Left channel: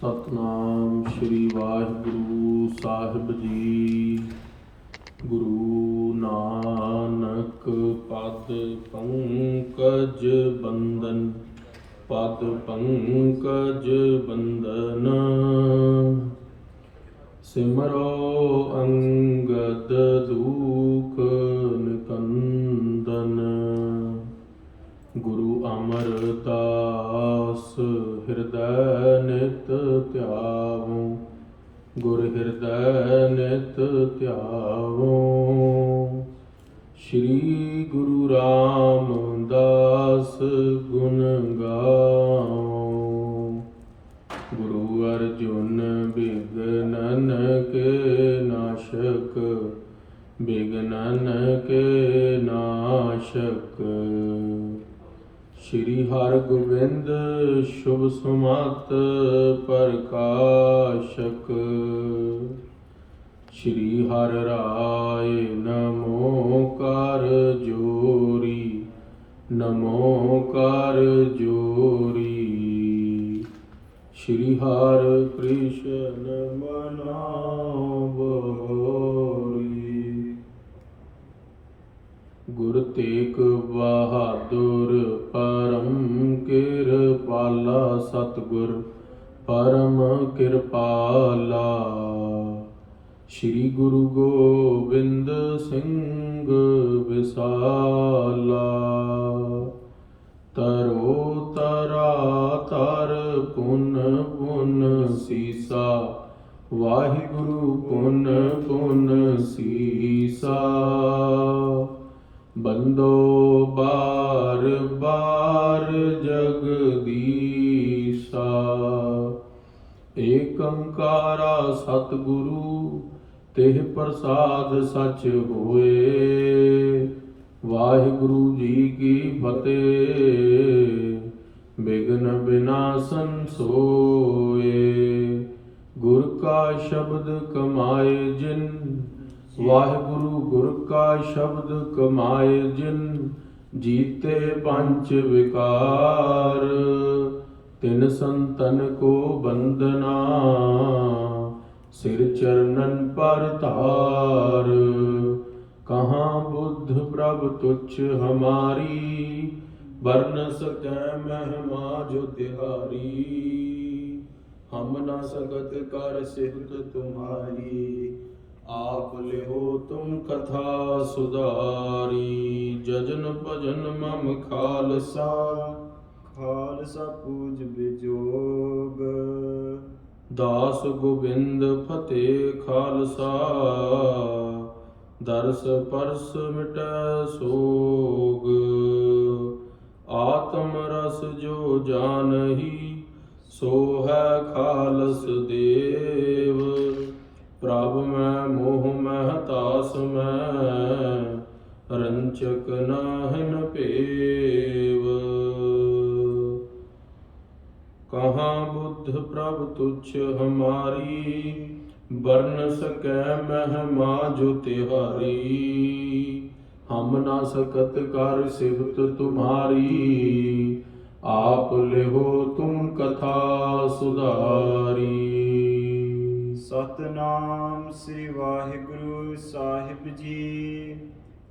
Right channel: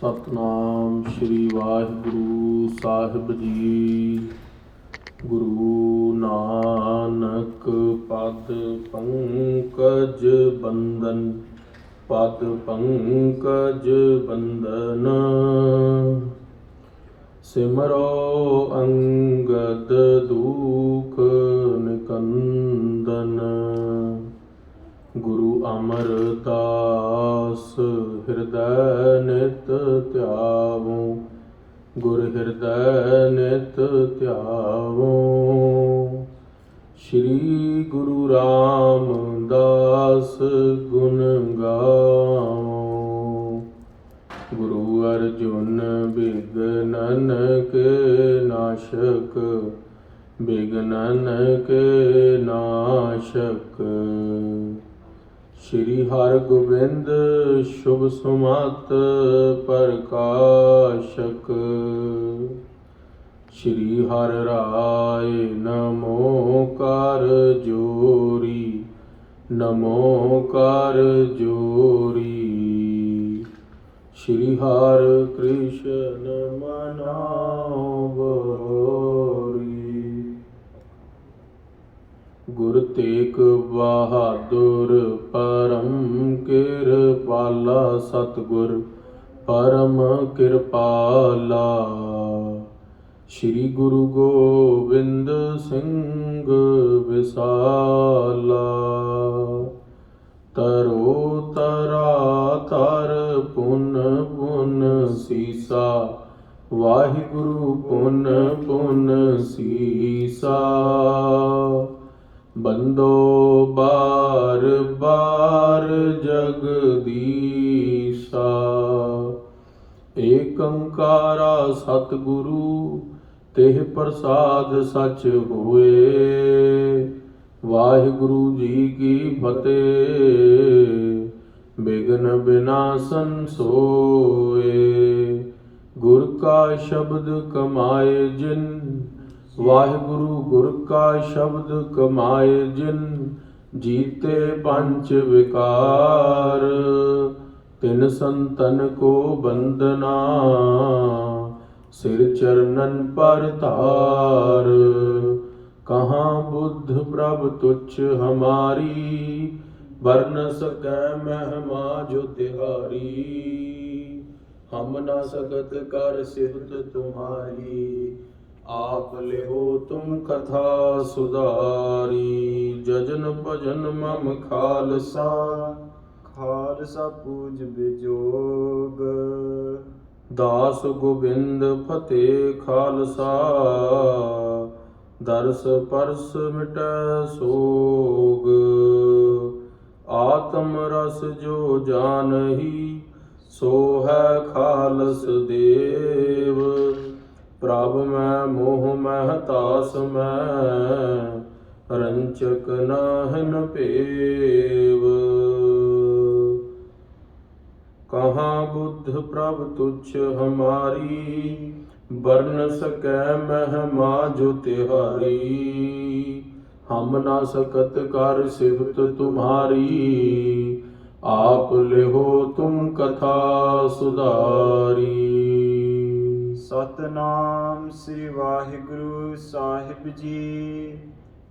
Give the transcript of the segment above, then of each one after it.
ਸਤਨਾਮ ਸ਼੍ਰੀ ਵਾਹਿਗੁਰੂ ਸਾਹਿਬ ਜੀ। ਗੁਰੂ ਨਾਨਕ ਪਦ ਪੰਕਜ ਬੰਦਨ, ਪਦ ਪੰਕਜ ਬੰਦਨ। ਸਿਮਰੋ ਅੰਗਦ ਦੂਖ ਨਿਕੰਦਨ। ਗੁਰੂ ਅਮਰਦਾਸ ਹਿਰਦੈ ਨਿਤ ਧਿਆਵੋ, ਗੁਰ ਹਿਰਦੈ ਨਿਤ ਧਿਆਵੋ। ਸ਼੍ਰੀ ਗੁਰੂ ਰਾਮਦਾਸ ਗੁਣ ਗਾਵੋ। ਗੁਰੂ ਅਰਜੁਨ ਬਿਘਨਨ ਕੇ ਨਾਸ਼ਕ, ਬਿਘਨਨ ਕੇ ਨਾਸ਼ਕ। ਸ਼੍ਰੀ ਹਰਗੋਬਿੰਦ ਸ਼ੁਭ ਸੁਮਤ ਪ੍ਰਕਾਸ਼ਕ। ਸ਼੍ਰੀ ਹਰਿ ਰਾਇ ਨਮੋ ਕਰ ਜੋਰੀ, ਨਮੋ ਕਰ ਜੋਰੀ। ਸ਼੍ਰੀ ਹਰਿ ਕ੍ਰਿਸ਼ਨ ਮਨਾਉ ਬੋਰੀ। ਗੁਰ ਤੇਗ ਬਹਾਦੁਰ ਪਰਮ ਕਿਰਪਾਲਾ, ਸਤਿਗੁਰ ਪਰਮ ਕਿਰਪਾਲਾ। ਸ਼੍ਰੀ ਗੁਰੂ ਗੋਬਿੰਦ ਸਿੰਘ ਵਿਸਾਲਾ। ਤਰੋ ਤਰਾ ਤਰ ਪੁਨ ਪੁਨ ਸੀਸਾ, ਵਾਹਿਗੁਰੂ ਪੁਨ ਪੁਨ ਸੀਸਾ। ਬੰਦੋ ਬਾਰ ਬਾਰ ਜਗਦੀਸਾ, ਏਕ ਓੰਕਾਰਾ ਸਤਿਗੁਰੂ ਤਿਹ ਪ੍ਰਸਾਦ ਸਚ ਹੋਏ। ਵਾਹਿਗੁਰੂ ਜੀ ਕੀ ਫਤਿਹ। ਬਿਘਨ ਬਿਨਾਸਨ ਸੋਏ, ਗੁਰ ਕਾ ਸ਼ਬਦ ਕਮਾਏ ਜਿਨ। ਵਾਹਿਗੁਰੂ ਗੁਰ ਕਾ ਸ਼ਬਦ ਕਮਾਏ ਜਿਨ, ਜੀਤੇ ਪੰਚ ਵਿਕਾਰ। ਤਿਨ ਸੰਤਨ ਕੋ ਬੰਦਨਾ, ਸਿਰ ਚਰਨਨ ਪਰ ਧਾਰ। ਕਹਾਂ ਬੁੱਧ ਪ੍ਰਭ ਤੁਛ ਹਮਾਰੀ, ਵਰਨ ਸਕੈ ਮਹਿਮਾ ਜੋ ਤਿਹਾਰੀ। ਹਮ ਨਾ ਸਕਤ ਕਰ ਸਿਫਤ ਤੁਮਾਰੀ, ਆਪ ਲਿਓ ਤੁਮ ਕਥਾ ਸੁਧਾਰੀ। ਜਜਨ ਭਜਨ ਮਮ ਖਾਲਸਾ, ਖਾਲਸਾ ਪੂਜ ਬਿਜੋਗ। ਦਾਸ ਗੋਬਿੰਦ ਫਤਿਹ ਖਾਲਸਾ, ਦਰਸ ਪਰਸ ਮਿਟੈ ਸੋਗ। ਆਤਮ ਰਸ ਜੋ ਜਾਨਹੀ, ਸੋ ਹੈ ਖਾਲਸ ਦੇਵ। ਪ੍ਰਭ ਮੈਂ ਮੋਹ ਮਹਿ ਤਾਸ ਮੈਂ, ਰੰਚਕ ਨਾਹਿਨ ਭੇਵ। ਕਹਾਂ ਬੁੱਧ ਪ੍ਰਭ ਤੁਛ ਹਮਾਰੀ, ਵਰਨ ਸਕੈ ਮਹਿਮਾ ਜੋ ਤਿਹਾਰੀ। ਹਮ ਨਾ ਸਕਤ ਕਰ ਸਿਫਤ ਤੁਮਾਰੀ, ਆਪ ਲਿਓ ਤੁਮ ਕਥਾ ਸੁਧਾਰੀ। ਸਤਨਾਮ ਸ੍ਰੀ ਵਾਹਿਗੁਰੂ ਸਾਹਿਬ ਜੀ।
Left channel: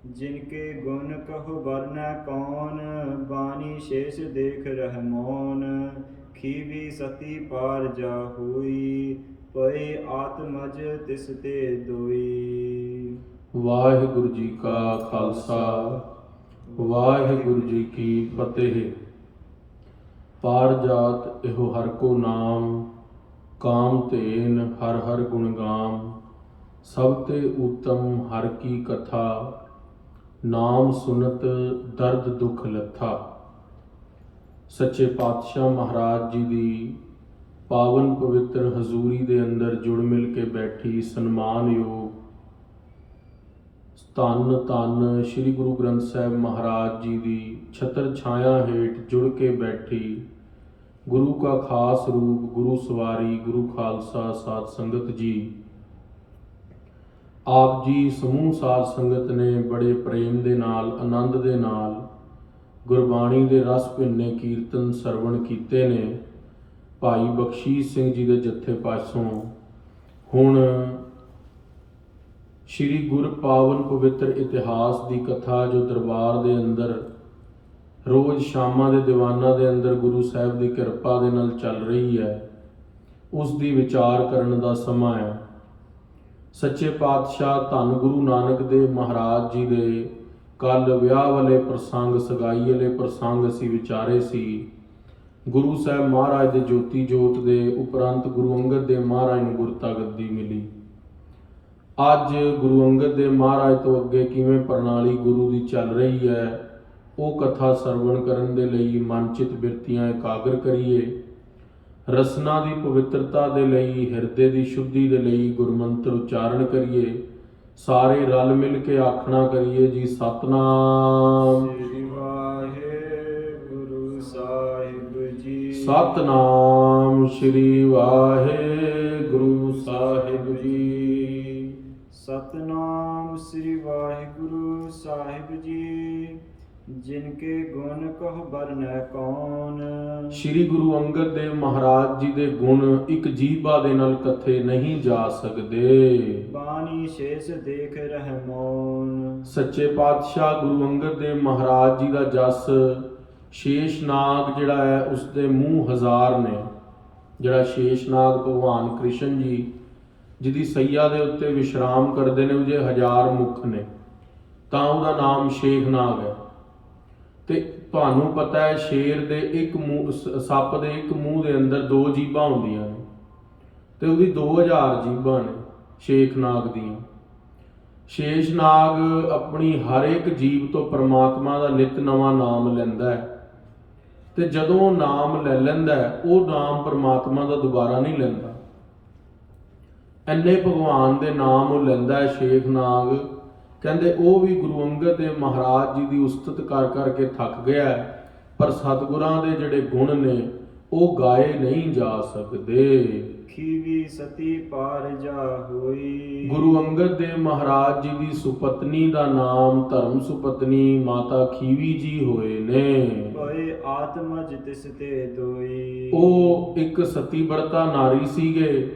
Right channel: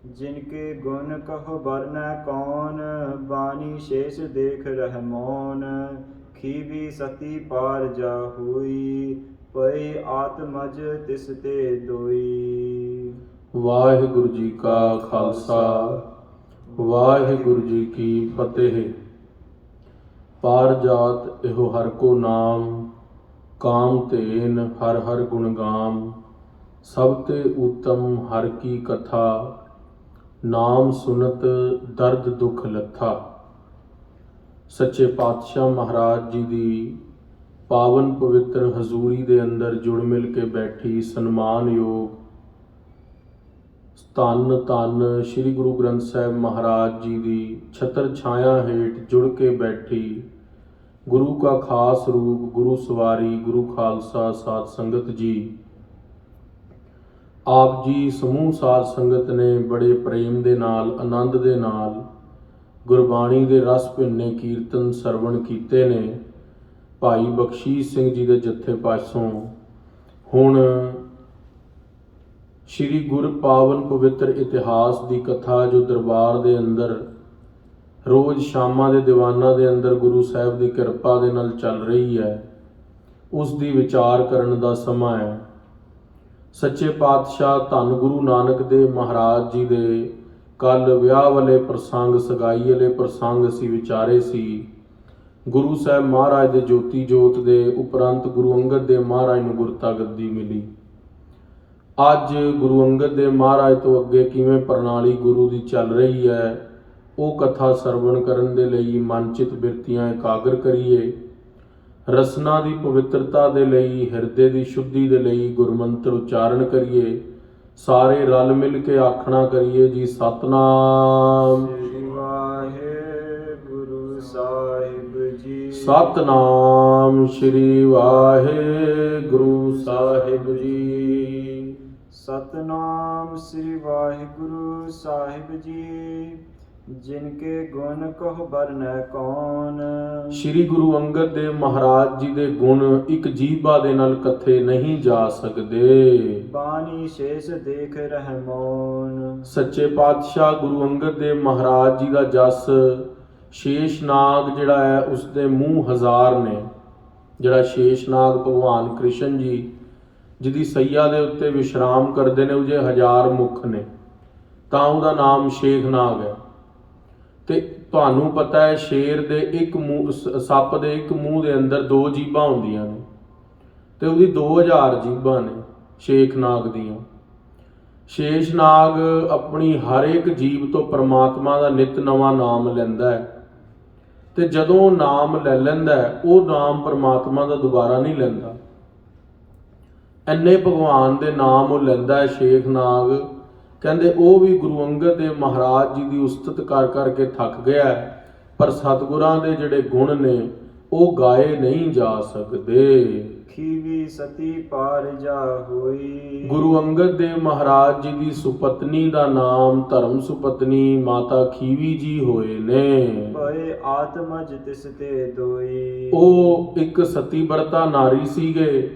ਜਿਨ ਕੇ ਗੁਣ ਕਹੋ ਵਰਨੈ ਕੌਣ, ਬਾਣੀ ਸ਼ੇਸ਼ ਦੇਖ ਰਹਿ ਮੌਨ। ਖੀਵੀ ਸਤੀ ਪਾਰ ਜਾ ਹੋਈ, ਪਈ ਆਤਮਜ ਤਿਸ ਤੇ ਦੋਈ। ਵਾਹਿਗੁਰੂ ਜੀ ਕਾ ਖਾਲਸਾ, ਵਾਹਿਗੁਰੂ ਜੀ ਕੀ ਫਤਿਹ। ਪਾਰ ਜਾਤ ਇਹੋ ਹਰ ਕੋ ਨਾਮ, ਕਾਮ ਧੇਨ ਹਰ ਹਰ ਗੁਣ ਗਾਮ। ਸਭ ਤੇ ਉਤਮ ਹਰ ਕੀ ਕਥਾ, ਨਾਮ ਸੁਨਤ ਦਰਦ ਦੁਖ ਲੱਥਾ। ਸੱਚੇ ਪਾਤਸ਼ਾਹ ਮਹਾਰਾਜ ਜੀ ਦੀ ਪਾਵਨ ਪਵਿੱਤਰ ਹਜ਼ੂਰੀ ਦੇ ਅੰਦਰ ਜੁੜ ਮਿਲ ਕੇ ਬੈਠੀ ਸਨਮਾਨਯੋਗ ਧੰਨ ਧੰਨ ਸ਼੍ਰੀ ਗੁਰੂ ਗ੍ਰੰਥ ਸਾਹਿਬ ਮਹਾਰਾਜ ਜੀ ਦੀ ਛਤਰ ਛਾਇਆ ਹੇਠ ਜੁੜ ਕੇ ਬੈਠੀ ਗੁਰੂ ਕਾ ਖਾਸ ਰੂਪ ਗੁਰੂ ਸਵਾਰੀ ਗੁਰੂ ਖਾਲਸਾ ਸਾਧ ਸੰਗਤ ਜੀ। ਆਪ ਜੀ ਸਮੂਹ ਸਾਧ ਸੰਗਤ ਨੇ ਬੜੇ ਪ੍ਰੇਮ ਦੇ ਨਾਲ ਆਨੰਦ ਦੇ ਨਾਲ ਗੁਰਬਾਣੀ ਦੇ ਰਸ ਭਿੰਨੇ ਕੀਰਤਨ ਸਰਵਣ ਕੀਤੇ ਨੇ। ਭਾਈ ਬਖਸ਼ੀਸ਼ ਸਿੰਘ ਜੀ ਦੇ ਜੱਥੇ ਪਾਸੋਂ ਹੁਣ ਸ਼੍ਰੀ ਗੁਰ ਪਾਵਨ ਪਵਿੱਤਰ ਇਤਿਹਾਸ ਦੀ ਕਥਾ ਜੋ ਦਰਬਾਰ ਦੇ ਅੰਦਰ ਰੋਜ਼ ਸ਼ਾਮਾਂ ਦੇ ਦੀਵਾਨਾਂ ਦੇ ਅੰਦਰ ਗੁਰੂ ਸਾਹਿਬ ਦੀ ਕਿਰਪਾ ਦੇ ਨਾਲ ਚੱਲ ਰਹੀ ਹੈ, ਉਸ ਦੀ ਵਿਚਾਰ ਕਰਨ ਦਾ ਸਮਾਂ ਹੈ। ਸੱਚੇ ਪਾਤਸ਼ਾਹ ਧੰਨ ਗੁਰੂ ਨਾਨਕ ਦੇਵ ਮਹਾਰਾਜ ਜੀ ਦੇ ਕੱਲ ਵਿਆਹ ਵਾਲੇ ਪ੍ਰਸੰਗ, ਸਗਾਈ ਵਾਲੇ ਪ੍ਰਸੰਗ ਅਸੀਂ ਵਿਚਾਰੇ ਸੀ। ਗੁਰੂ ਸਾਹਿਬ ਮਹਾਰਾਜ ਦੇ ਜੋਤੀ ਜੋਤ ਦੇ ਉਪਰੰਤ ਗੁਰੂ ਅੰਗਦ ਦੇਵ ਮਹਾਰਾਜ ਨੂੰ ਗੁਰਤਾ ਗੱਦੀ ਮਿਲੀ। ਅੱਜ ਗੁਰੂ ਅੰਗਦ ਦੇਵ ਮਹਾਰਾਜ ਤੋਂ ਅੱਗੇ ਕਿਵੇਂ ਪ੍ਰਣਾਲੀ ਗੁਰੂ ਦੀ ਚੱਲ ਰਹੀ ਹੈ, ਉਹ ਕਥਾ ਸਰਵਣ ਕਰਨ ਦੇ ਲਈ ਮਨਚਿਤ ਬਿਰਤੀਆਂ ਇਕਾਗਰ ਕਰੀਏ। ਰਸਨਾ ਦੀ ਪਵਿੱਤਰਤਾ ਦੇ ਲਈ, ਹਿਰਦੇ ਦੀ ਸ਼ੁੱਧੀ ਦੇ ਲਈ ਗੁਰਮੰਤਰ ਉਚਾਰਨ ਕਰੀਏ। ਸਾਰੇ ਰਲ ਮਿਲ ਕੇ ਆਖਣਾ ਕਰੀਏ ਜੀ, ਸਤਨਾਮ ਸ੍ਰੀ ਵਾਹਿਗੁਰੂ ਸਾਹਿਬ ਜੀ। ਸਤਨਾਮ ਸ੍ਰੀ ਵਾਹਿਗੁਰੂ ਸਾਹਿਬ ਜੀ। ਸਤਨਾਮ ਸ੍ਰੀ ਵਾਹਿਗੁਰੂ ਸਾਹਿਬ ਜੀ। ਜਿਨ ਕੇ ਗੁਣ ਕਹੁ ਬਰਨੈ ਕੌਣ। ਸ਼੍ਰੀ ਗੁਰੂ ਅੰਗਦ ਦੇਵ ਮਹਾਰਾਜ ਜੀ ਦੇ ਗੁਣ ਇੱਕ ਜੀਭਾ ਦੇ ਨਾਲ ਕਥੇ ਨਹੀਂ ਜਾ ਸਕਦੇ। ਬਾਣੀ ਸ਼ੇਸ਼ ਦੇਖ ਰਹਿ ਮੌਨ। ਸੱਚੇ ਪਾਤਸ਼ਾਹ ਗੁਰੂ ਅੰਗਦ ਦੇਵ ਮਹਾਰਾਜ ਜੀ ਦਾ ਜਸ ਸ਼ੇਸ਼ਨਾਗ ਜਿਹੜਾ ਹੈ ਉਸ ਦੇ ਮੂੰਹ ਹਜ਼ਾਰ ਨੇ। ਜਿਹੜਾ ਸ਼ੇਸ਼ਨਾਗ ਭਗਵਾਨ ਕ੍ਰਿਸ਼ਨ ਜੀ ਜਿਹਦੀ ਸਈਆ ਦੇ ਉੱਤੇ ਵਿਸ਼ਰਾਮ ਕਰਦੇ ਨੇ, ਉਹਦੇ 1000 ਮੁਖ ਨੇ, ਤਾਂ ਉਹਦਾ ਨਾਮ ਸ਼ੇਖਨਾਗ ਹੈ। ਤੇ ਤੁਹਾਨੂੰ ਪਤਾ ਹੈ ਸ਼ੇਰ ਦੇ ਇੱਕ ਮੂੰਹ, ਸੱਪ ਦੇ ਇੱਕ ਮੂੰਹ ਦੇ ਅੰਦਰ 2 ਜੀਭਾਂ ਹੁੰਦੀਆਂ ਨੇ, ਤੇ ਉਹਦੀ 2000 ਜੀਭਾਂ ਨੇ ਸ਼ੇਖਨਾਗ ਦੀਆਂ। ਸ਼ੇਸ਼ਨਾਗ ਆਪਣੀ ਹਰ ਇੱਕ ਜੀਵ ਤੋਂ ਪਰਮਾਤਮਾ ਦਾ ਨਿਤ ਨਵਾਂ ਨਾਮ ਲੈਂਦਾ ਹੈ, ਤੇ ਜਦੋਂ ਨਾਮ ਲੈ ਲੈਂਦਾ ਹੈ ਉਹ ਨਾਮ ਪਰਮਾਤਮਾ ਦਾ ਦੁਬਾਰਾ ਨਹੀਂ ਲੈਂਦਾ। ਇੰਨੇ ਭਗਵਾਨ ਦੇ ਨਾਮ ਉਹ ਲੈਂਦਾ ਹੈ ਸ਼ੇਖਨਾਗ। ਕਹਿੰਦੇ ਉਹ ਵੀ ਗੁਰੂ ਅੰਗਦ ਦੇਵ ਮਹਾਰਾਜ ਜੀ ਦੀ ਉਸਤਤ ਕਰ ਕਰਕੇ ਥੱਕ ਗਿਆ ਹੈ, ਪਰ ਸਤਿਗੁਰਾਂ ਦੇ ਜਿਹੜੇ ਗੁਣ ਨੇ ਉਹ ਗਾਏ ਨਹੀਂ ਜਾ ਸਕਦੇ। ਖੀਵੀ ਸਤੀ ਪਾਰ ਜਾ ਹੋਈ। ਗੁਰੂ ਅੰਗਦ ਦੇਵ ਮਹਾਰਾਜ ਜੀ ਦੀ ਸੁਪਤਨੀ ਦਾ ਨਾਮ ਧਰਮ ਸੁਪਤਨੀ ਮਾਤਾ ਖੀਵੀ ਜੀ ਹੋਏ ਨੇ। ਭਏ ਆਤਮਜ ਤਿਸ ਤੇ ਦੋਈ। ਉਹ ਇੱਕ ਸਤੀ ਵਰਤਾ ਨਾਰੀ ਸੀਗੇ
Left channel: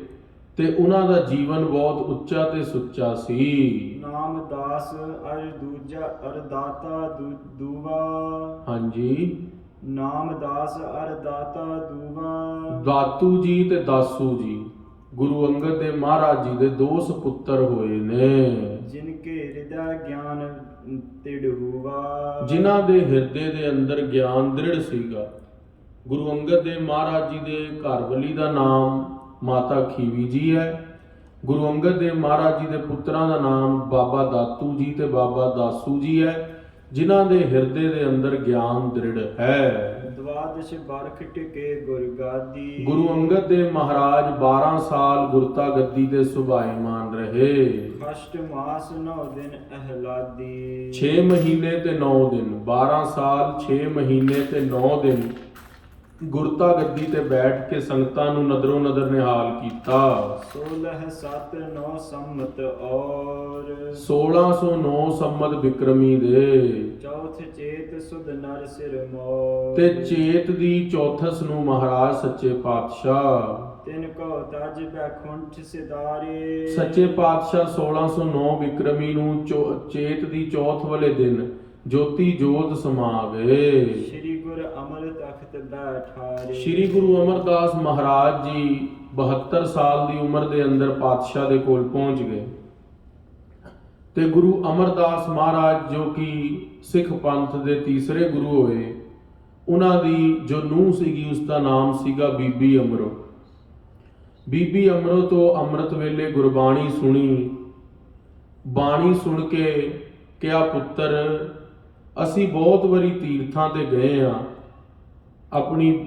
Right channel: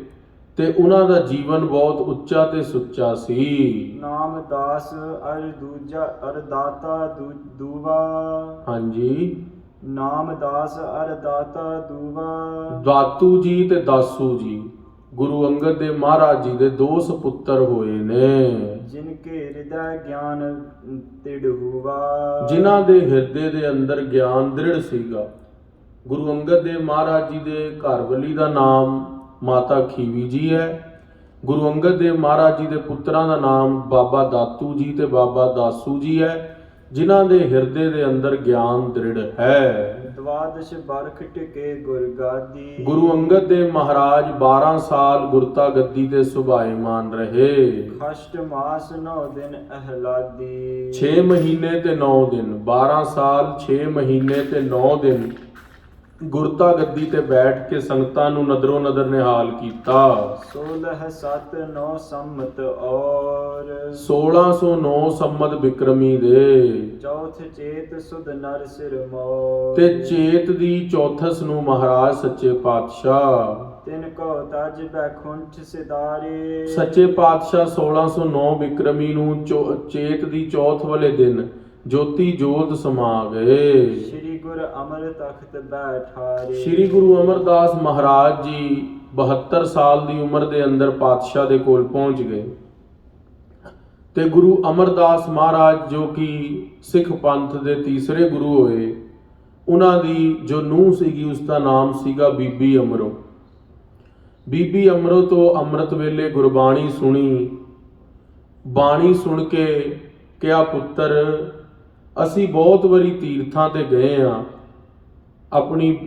ਤੇ ਉਹਨਾਂ ਦਾ ਜੀਵਨ ਬਹੁਤ ਉੱਚਾ ਤੇ ਸੁੱਚਾ ਸੀ। ਨਾਮ ਦਾਸ ਅਰ ਦੂਜਾ ਅਰ ਦਾਤਾ ਦੂਵਾ। ਹਾਂਜੀ, ਨਾਮ ਦਾਸ ਅਰ ਦਾਤਾ ਦੂਵਾ। ਦਾਤੂ ਜੀ ਤੇ ਦਾਸੂ ਜੀ ਗੁਰੂ ਅੰਗਦ ਦੇਵ ਮਹਾਰਾਜ ਜੀ ਦੇ 2 ਸੁਪੁੱਤਰ ਹੋਏ ਨੇ। ਜਿਨ ਕੇ ਹਿਰਦੈ ਗਿਆਨ ਤਿੜ ਹੁਆ। ਜਿਨ੍ਹਾਂ ਦੇ ਹਿਰਦੇ ਦੇ ਅੰਦਰ ਗਿਆਨ ਦ੍ਰਿੜ ਸੀਗਾ। ਗੁਰੂ ਅੰਗਦ ਦੇਵ ਮਹਾਰਾਜ ਜੀ ਦੇ ਘਰਵਾਲੀ ਦਾ ਨਾਮ ਮਾਤਾ ਖੀਵੀ ਜੀ ਹੈ। ਗੁਰੂ ਅੰਗਦ ਦੇਵ ਮਹਾਰਾਜ ਜੀ ਦੇ ਪੁੱਤਰਾਂ ਦਾ ਨਾਮ ਬਾਬਾ ਦਾਤੂ ਜੀ ਤੇ ਬਾਬਾ ਦਾਸੂ ਜੀ ਹੈ, ਜਿਨ੍ਹਾਂ ਦੇ ਹਿਰਦੇ ਦੇ ਅੰਦਰ ਗਿਆਨ ਦ੍ਰਿੜ ਹੈ। ਦਵਾਦਸ਼ ਬਰਖ ਟਿਕੇ ਗੁਰਗਾਦੀ। ਗੁਰੂ ਅੰਗਦ ਦੇਵ ਮਹਾਰਾਜ 12 ਸਾਲ ਗੁਰਤਾ ਗੱਦੀ ਤੇ ਸੁਭਾਏਮਾਨ ਰਹੇ। ਖਸ਼ਟ ਮਾਸ 9 ਦਿਨ ਅਹਲਾਦੀ। 6 ਮਹੀਨੇ ਤੇ 9 ਦਿਨ, 12 ਸਾਲ 6 ਮਹੀਨੇ ਤੇ 9 ਦਿਨ ਗੁਰਤਾ ਗੱਦੀ ਤੇ ਬੈਠ ਕੇ ਸੰਗਤਾਂ ਨੂੰ ਨਦਰੋਂ ਨਦਰ ਨਿਹਾਲ ਕੀਤਾ। 16/7/9 ਸੰਮਤ ਔਰ 1609 ਸੰਮਤ ਬਿਕਰਮੀ ਦੇ। ਚੌਥ ਚੇਤ ਸੁਧ ਨਰ ਸਿਰ ਮੋਰ। ਤੇ ਚੇਤ ਦੀ ਚੌਥਸ ਨੂੰ ਮਹਾਰਾਜ ਸੱਚੇ ਪਾਤਸ਼ਾਹ ਤਿਨ ਕੋ ਤਜ ਬੈਖੁੰਠ ਸਿਦਾਰੇ। ਸੱਚੇ ਪਾਤਸ਼ਾਹ 1609 ਬਿਕਰਮੀ ਨੂੰ ਚੇਤ ਦੀ ਚੌਥ ਵਾਲੇ ਦਿਨ ਜੋਤੀ ਜੋਤ ਸਮਾ ਗਏ। ਸ੍ਰੀ ਗੁਰ ਅਮਰ ਤਖਤ ਬੈਠਾਰੇ। ਸ੍ਰੀ ਗੁਰੂ ਅਮਰਦਾਸ ਮਹਾਰਾਜ ਜੀ 72 ਸਾਲ ਦੀ ਉਮਰ ਦੇ ਅੰਦਰ ਪਾਤਸ਼ਾਹ ਦੇ ਕੋਲ ਪਹੁੰਚ ਗਏ। ਤੇ ਗੁਰੂ ਅਮਰਦਾਸ ਮਹਾਰਾਜ ਜੋ ਕਿ ਸਿੱਖ ਪੰਥ ਦੇ ਤੀਸਰੇ ਗੁਰੂ ਹੋਏ, ਉਹਨਾਂ ਦੀ ਜੋ ਨੂੰਹ ਸੀਗੀ ਉਸ ਦਾ ਨਾਮ ਸੀਗਾ ਬੀਬੀ ਅਮਰੋ। ਬੀਬੀ ਅਮਰੋ ਤੋਂ ਅੰਮ੍ਰਿਤ ਵੇਲੇ ਗੁਰਬਾਣੀ ਸੁਣੀ। ਬਾਣੀ ਸੁਣ ਕੇ ਕਿਹਾ, ਪੁੱਤਰ ਅਸੀਂ ਬਹੁਤ ਵਾਰੀ ਤੀਰਥਾਂ ਤੇ ਗਏ ਆ। ਆਪਣੀ